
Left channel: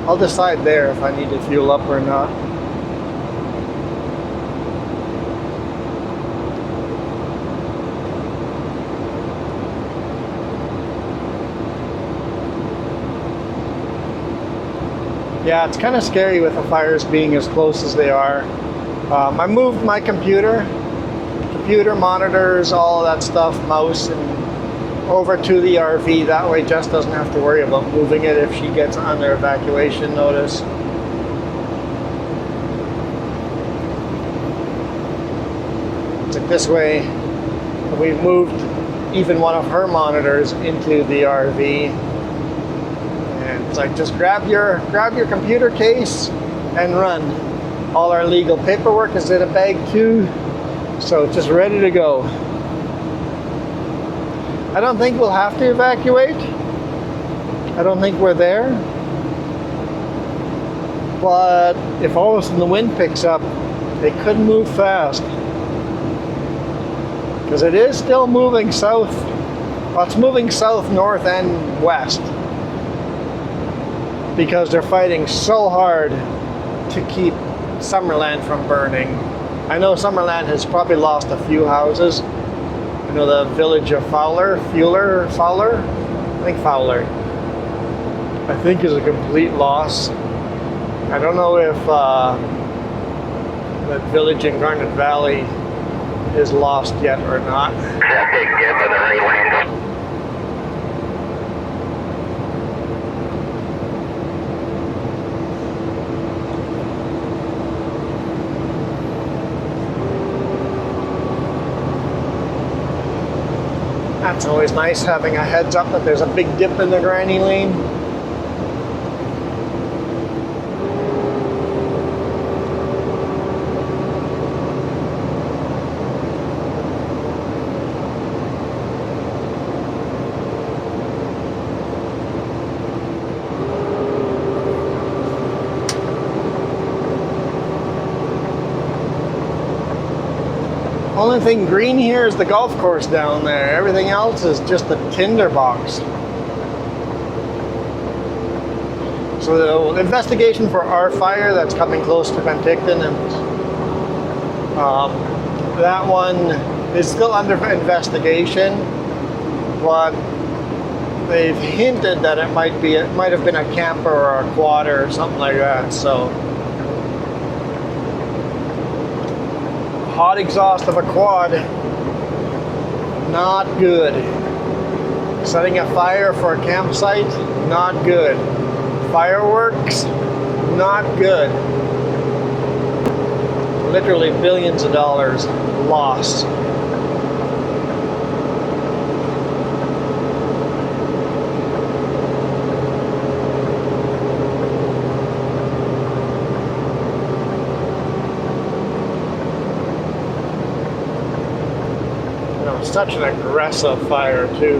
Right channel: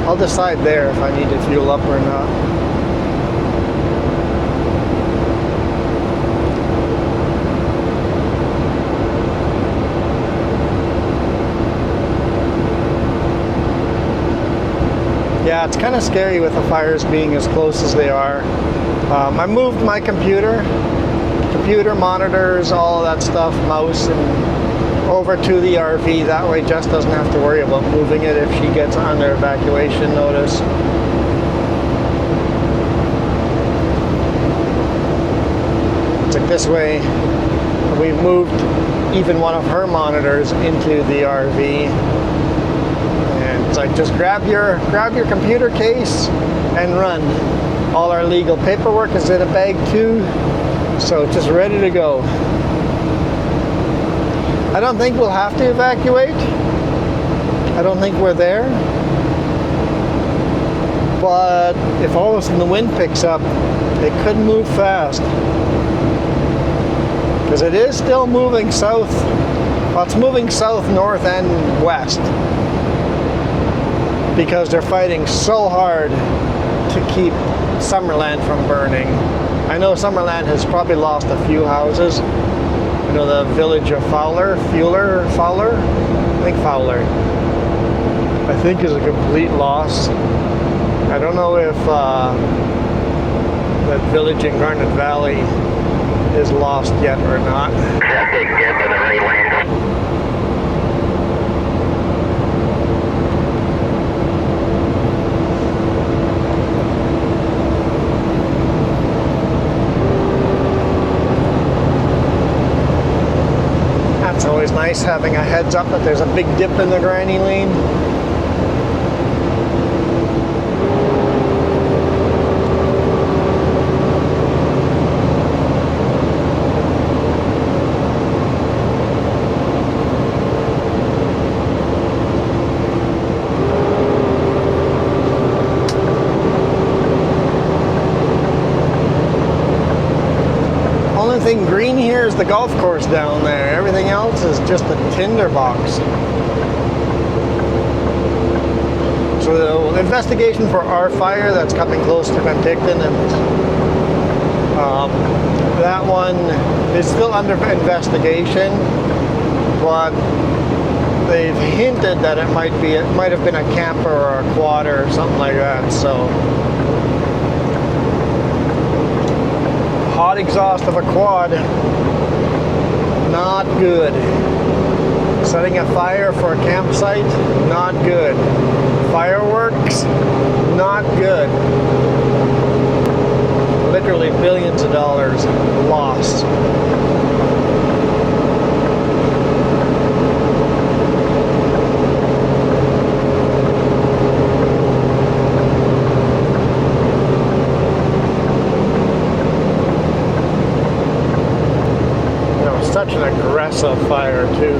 I'll decide there if I need to fuel up or not. Yeah, it's kind of scary with the fires being as close as they are. I moved my computer monitors, all that stuff, mouse, and over to the RV. That way Jess doesn't have to worry about moving it if she gets under evacuation notice. It's like this way we've moved even one of her monitors into the RV, and it's like just grab your computer case and run. All our legal paperwork is in a bag too. So it's just ready to go. I don't think we'll have to evacuate. I don't think we're there. But if all of a sudden the wind picks up, it could move fast. Because it is still moving south. Well, it's moving south, north, and west. Because they're fighting so hard to keep Summerland from burning. I know Summerland has probably lost a few houses. I know the village of Fowler, I think Fowler, I think is a complete loss. I don't know if that village in Garnet Valley is lost yet or not. It's always nice having a heads up that there's a big dip in the granny lane. Only thing green here is the golf course down there. Everything else is just a tinderbox. So the investigation for our fire that's coming close to Penticton, and that one is still under investigation, but they've hinted that it might have been a camper or a quad or something like that. So hot exhaust of a quad, not good. Setting a fire for a campsite, not good. Fireworks, not good. Literally billions of dollars lost. Such an aggressive fire too.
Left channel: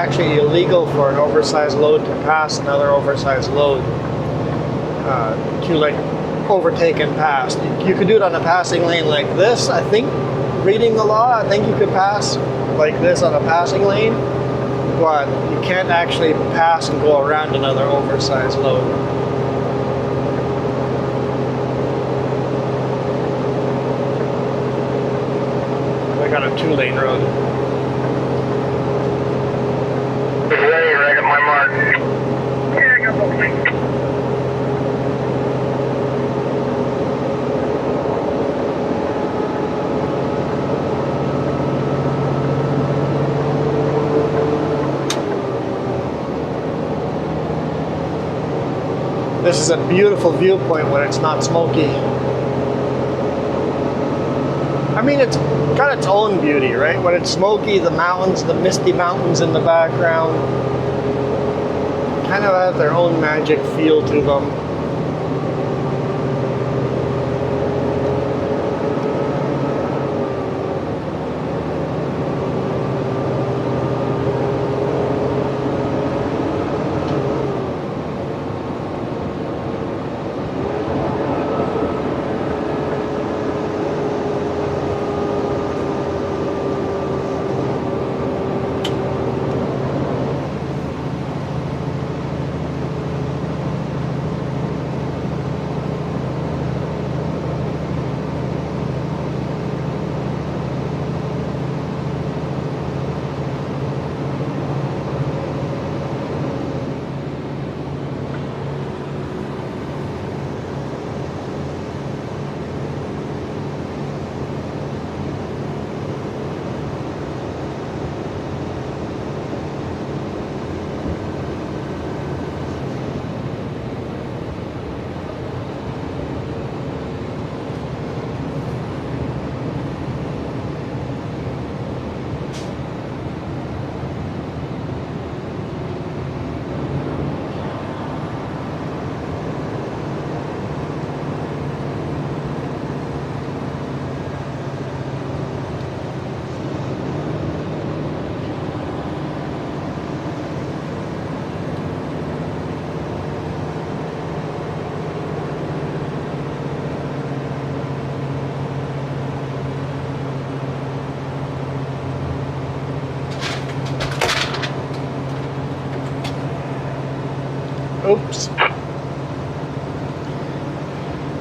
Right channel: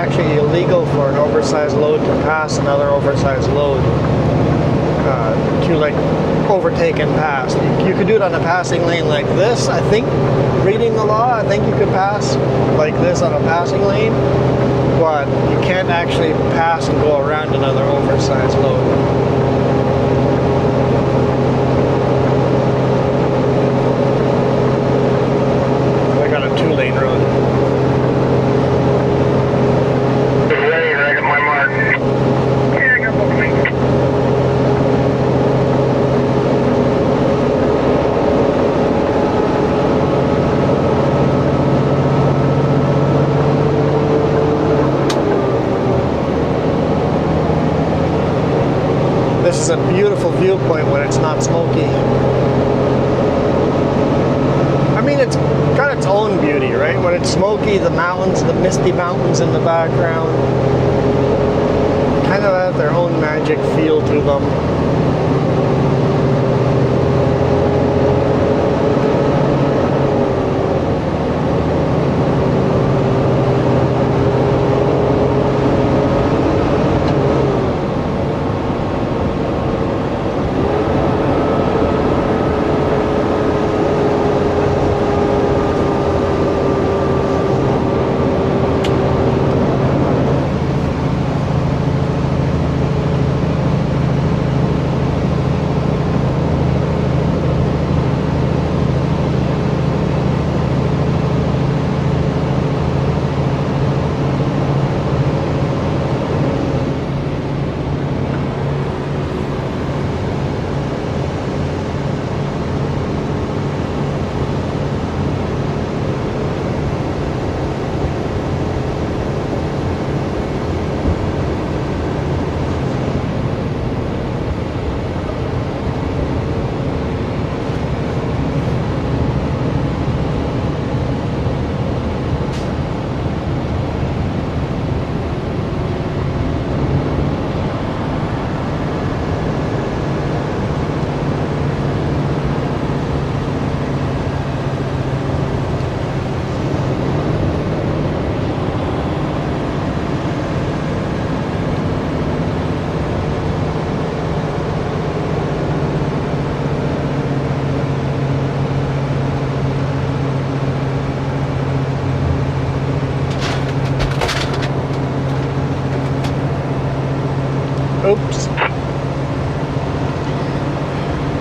actually illegal for an oversized load to pass another oversized load to like overtake and pass. You could do it on a passing lane like this. I think, reading the law, I think you could pass like this on a passing lane, but you can't actually pass and go around another oversized load. We got a 2-lane road. Ready, right at my mark. Yeah, I got both lanes. This is a beautiful viewpoint when it's not smoky. I mean, it's got its own beauty, right? When it's smoky, the mountains, the misty mountains in the background, kind of have their own magic feel to them. Oops.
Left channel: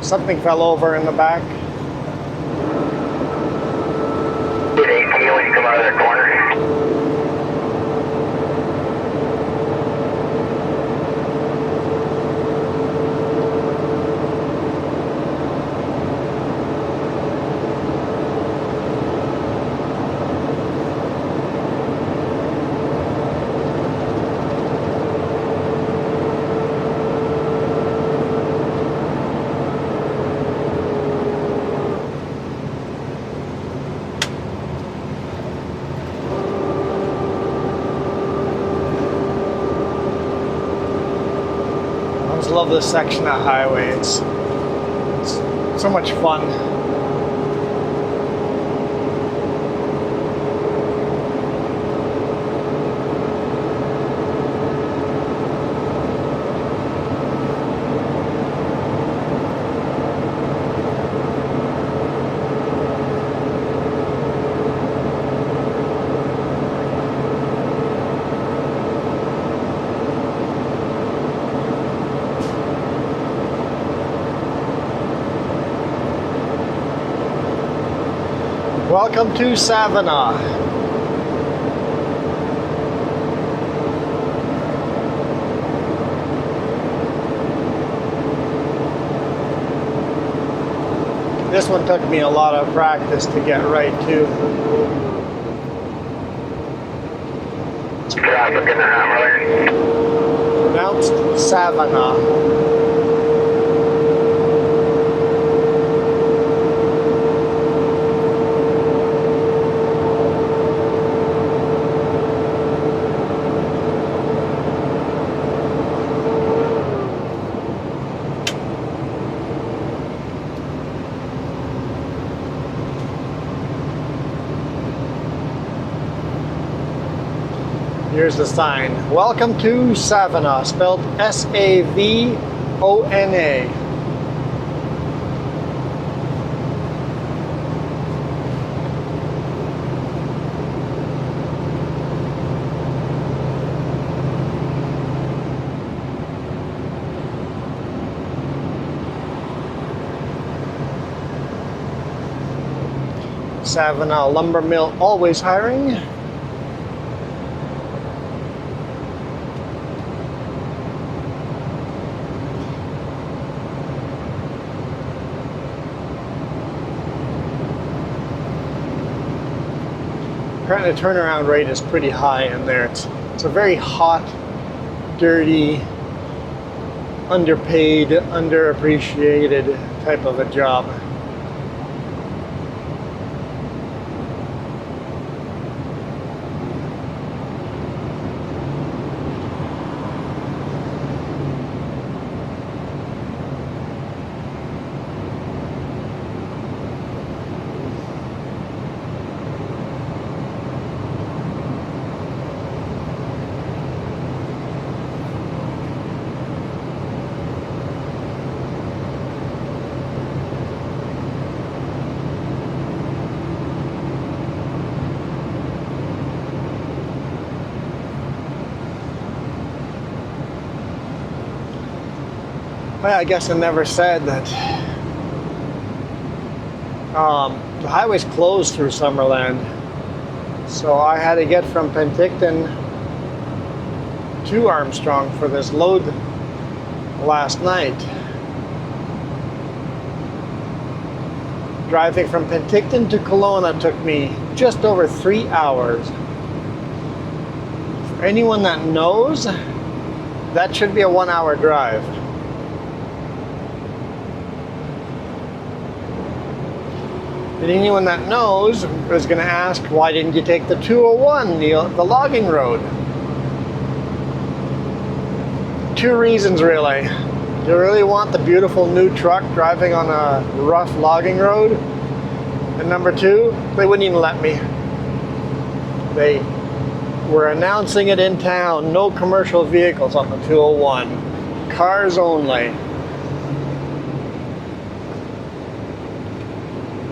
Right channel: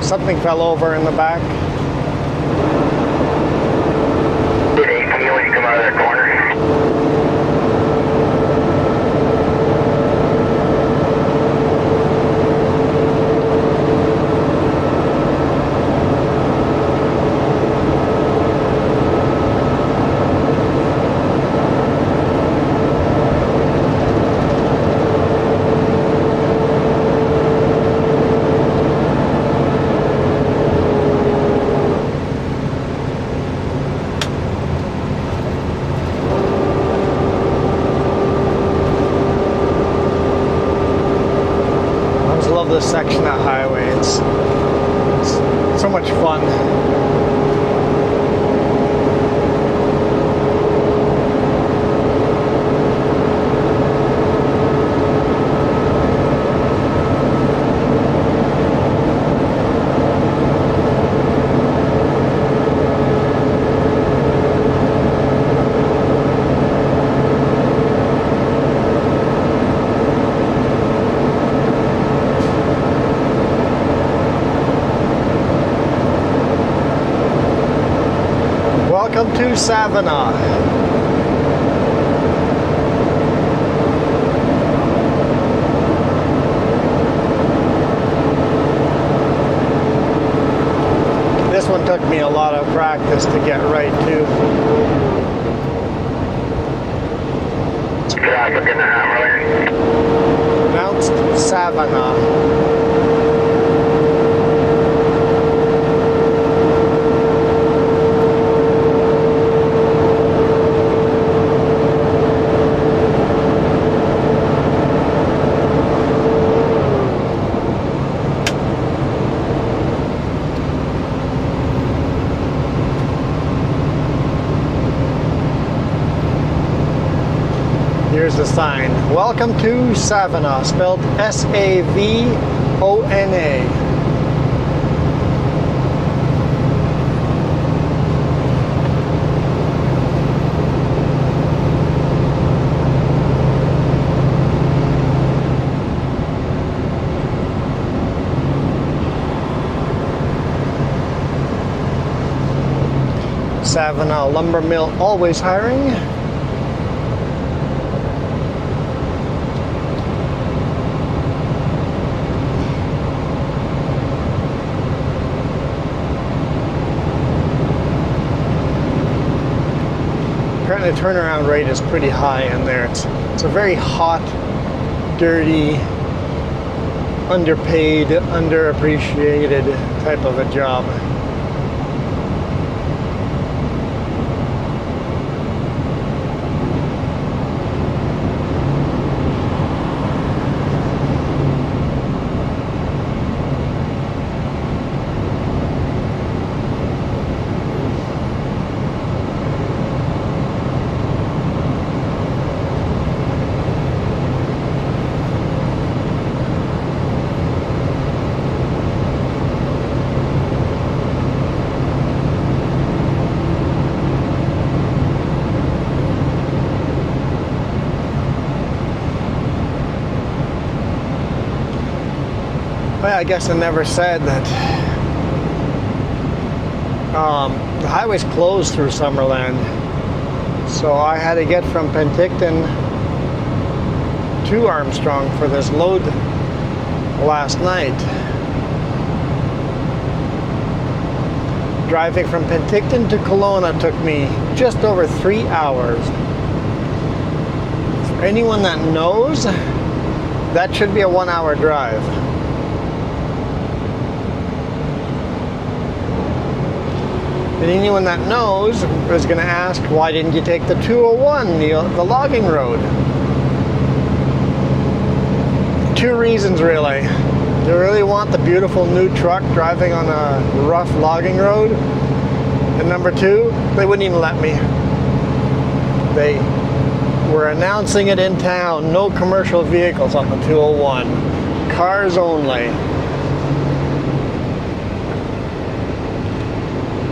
Something fell over in the back. Did 18 when you come out of that corner? This section of highway, it's so much fun. Welcome to Savannah. This one took me a lot of practice to get right too. Traffic in the Hammerland. Pronounced Savannah. Here's the Trapline. Welcome to Savona, spelled S-A-V-O-N-A. Savona lumber mill, always hiring. Apparently the turnaround rate is pretty high in there. It's a very hot, dirty, underpaid, underappreciated type of a job. I guess I never said that the highway's closed through Summerland, so I had to get from Penticton to Armstrong for this load last night. Driving from Penticton to Kelowna took me just over 3 hours. For anyone that knows, that should be a 1 hour drive. And anyone that knows is going to ask, why didn't you take the 201, the logging road? 2 reasons really. You really want the beautiful new truck driving on a rough logging road? And number 2, they wouldn't even let me. They were announcing it in town, no commercial vehicles on the 201, cars only.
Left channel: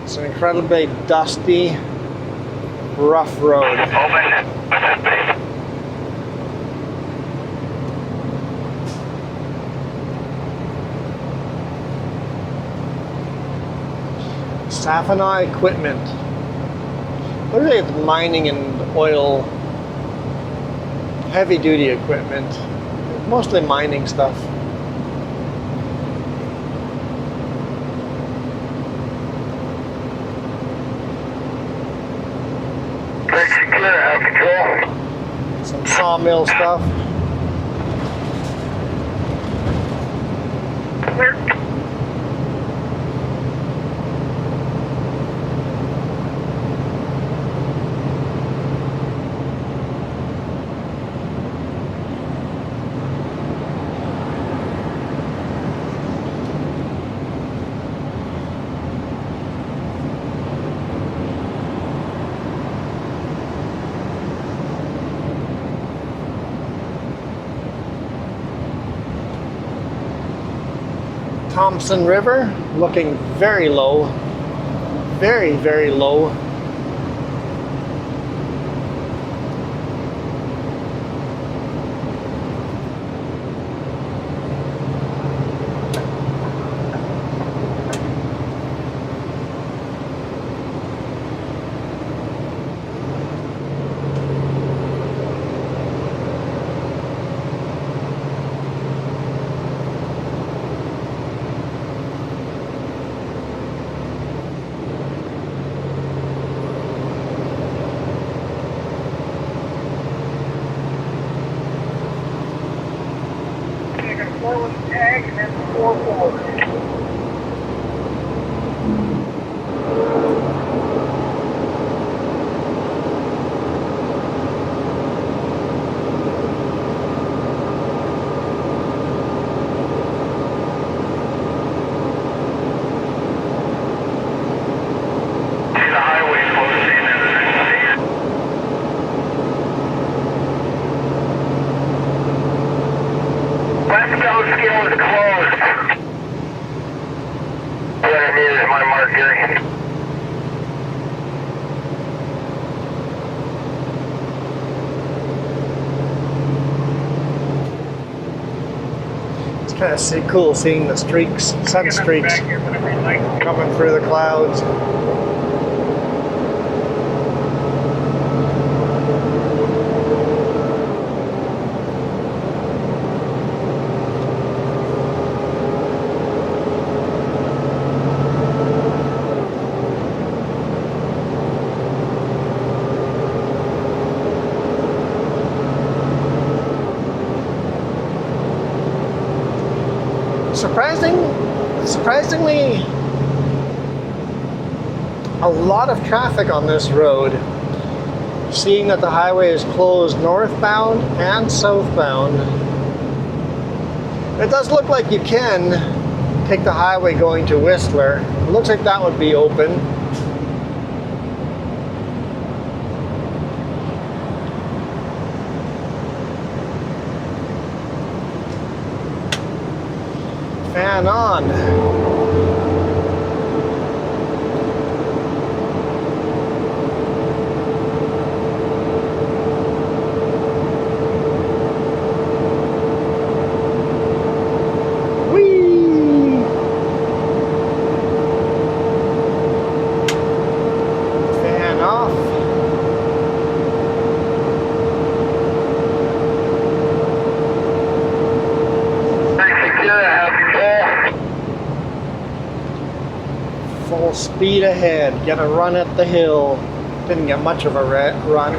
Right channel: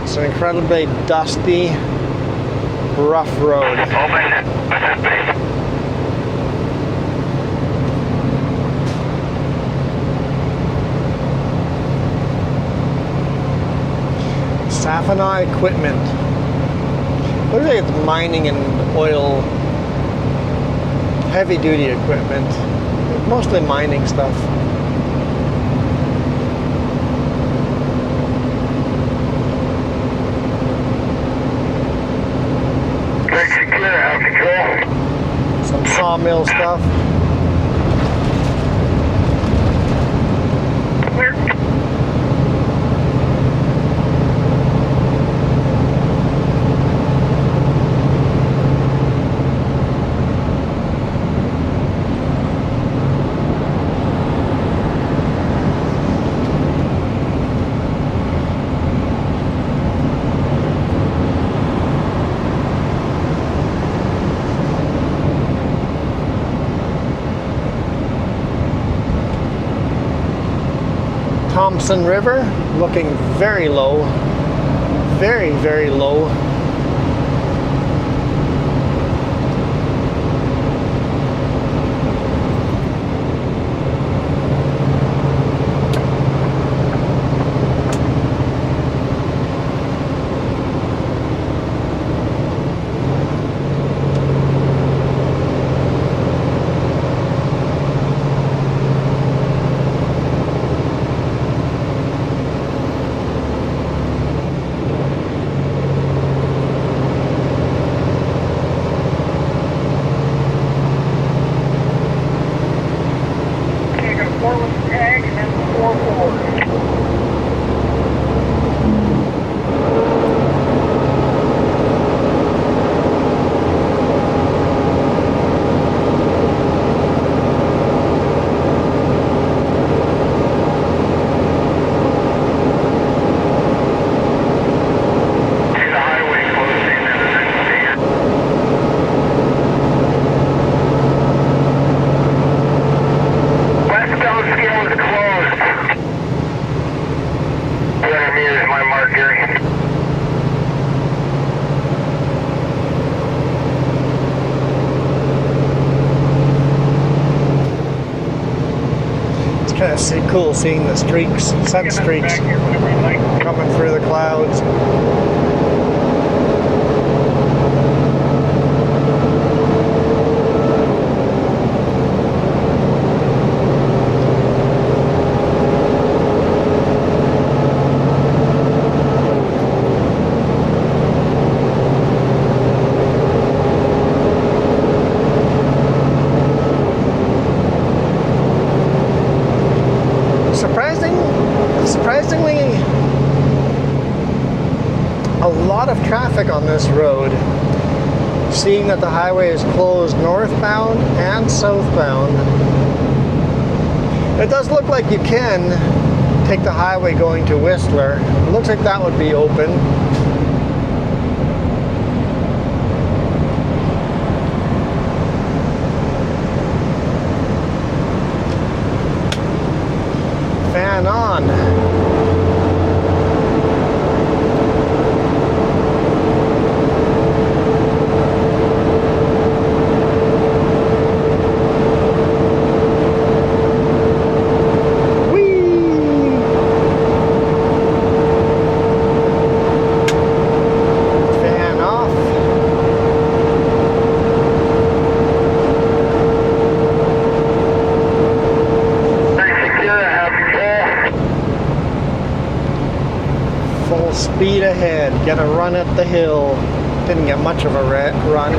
It's an incredibly dusty, rough road. Savona equipment. Looks like it's mining and oil, heavy duty equipment. Mostly mining stuff. Some sawmill stuff. River looking very low, very, very low. kind of cool seeing the streaks, sun streaks coming through the clouds. Surprisingly, a lot of traffic on this road. Seeing that the highway is closed northbound and southbound, it does look like you can take the highway going to Whistler. It looks like that would be open. Fan on. Speed ahead, get a run at the hill. Didn't get much of a run.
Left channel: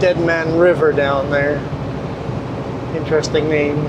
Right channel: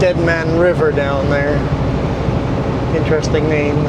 Dead Man River down there. Interesting name.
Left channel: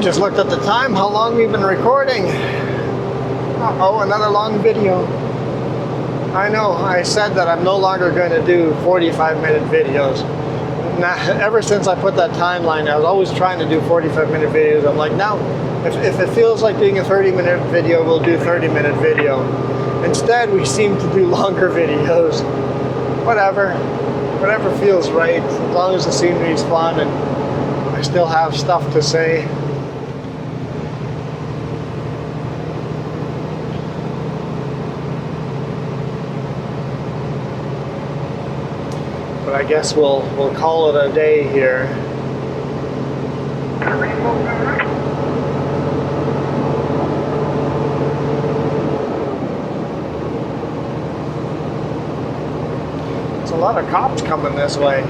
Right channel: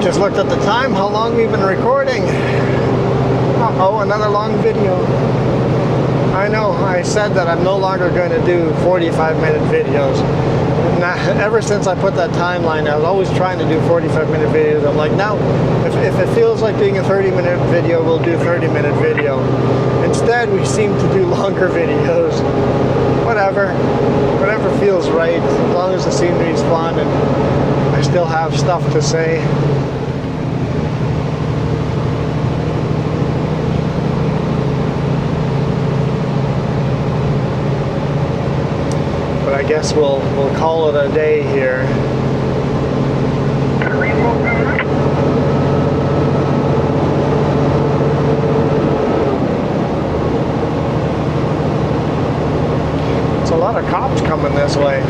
Just looked at the time, how long we've been recording. Oh, another long video. I know, I said that I'm no longer going to do 45-minute videos. Ever since I put that timeline, I was always trying to do 45-minute videos. I'm like, no, if it feels like doing a 30-minute video, we'll do 30-minute video. Instead, we seem to do longer videos. Whatever feels right, as long as the scenery is fun and I still have stuff to say. I guess we'll call it a day here. There's a lot of cops coming this way.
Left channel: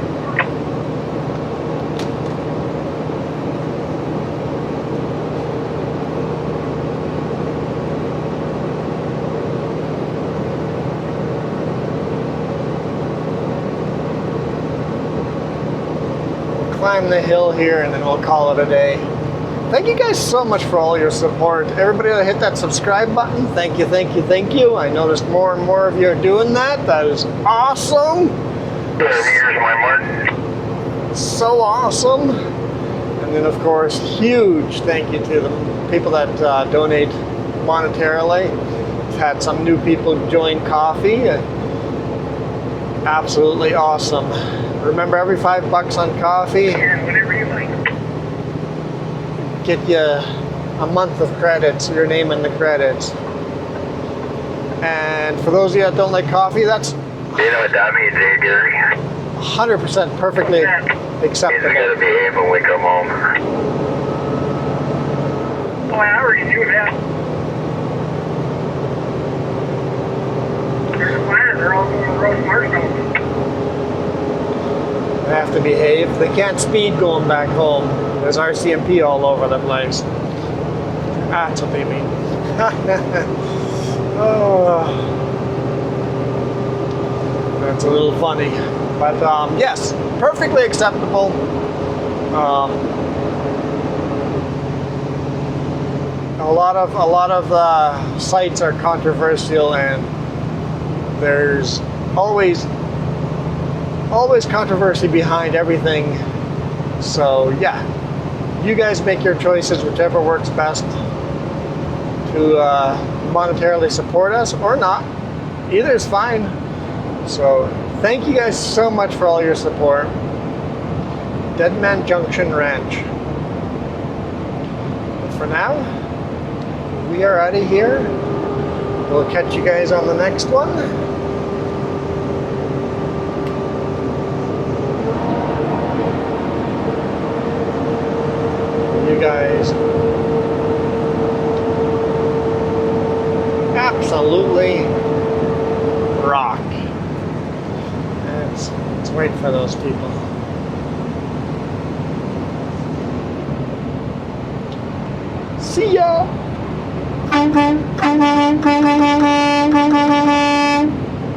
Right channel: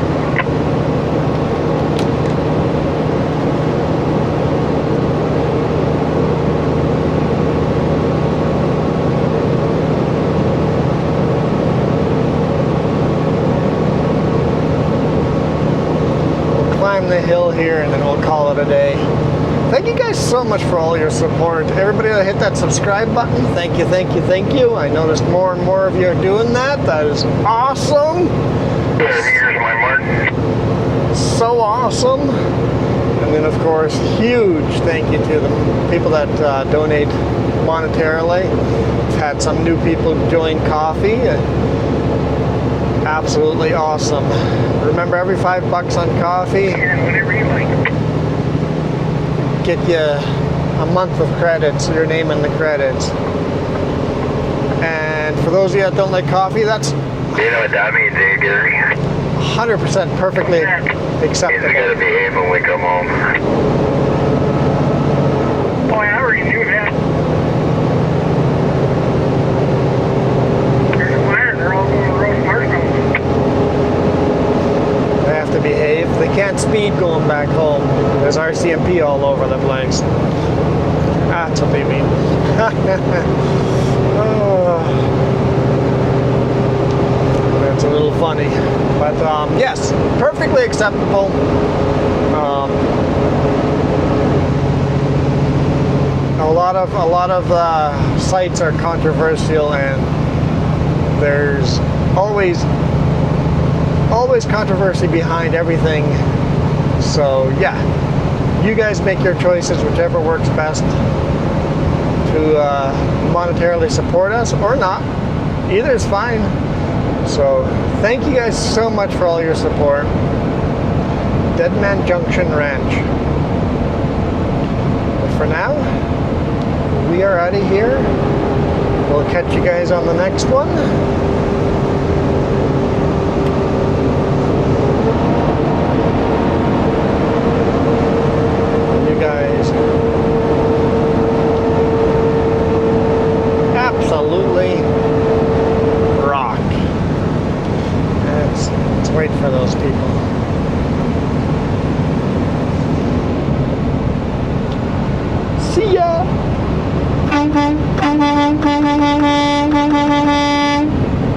The hill here and then we'll call it a day. Thank you guys so much for all your support. Everybody that hit that subscribe button, thank you. I noticed more and more of you are doing that. That is awesome. Here's my mark. So awesome. And then of course, huge thank you to the people that donate monetarily. We've had some new people join Coffee. Absolutely awesome. Remember, every $5 on Coffee get you a month of credits, your name in the credits. And for those of you that don't like coffee, that's you know what that means, eh, Gary? 100% perfectly acceptable. He's gonna behave when we come home. Oh, I already knew that. There's a fire, they're all going to roast marshmallows. They have to behave. They can't speed going back home. There's RCMP all over the place. That's what they mean. That's a little funny. But yes, perfectly acceptable. lot of sites are controversial, and there's always controversy behind everything. So yeah, you guys make your choices, whichever works best to monetarily support us or not. Either is fine. So thank you guys so much for all your support. Deadman Junction Ranch. But for now, we are out of here. We'll catch you guys on the next one.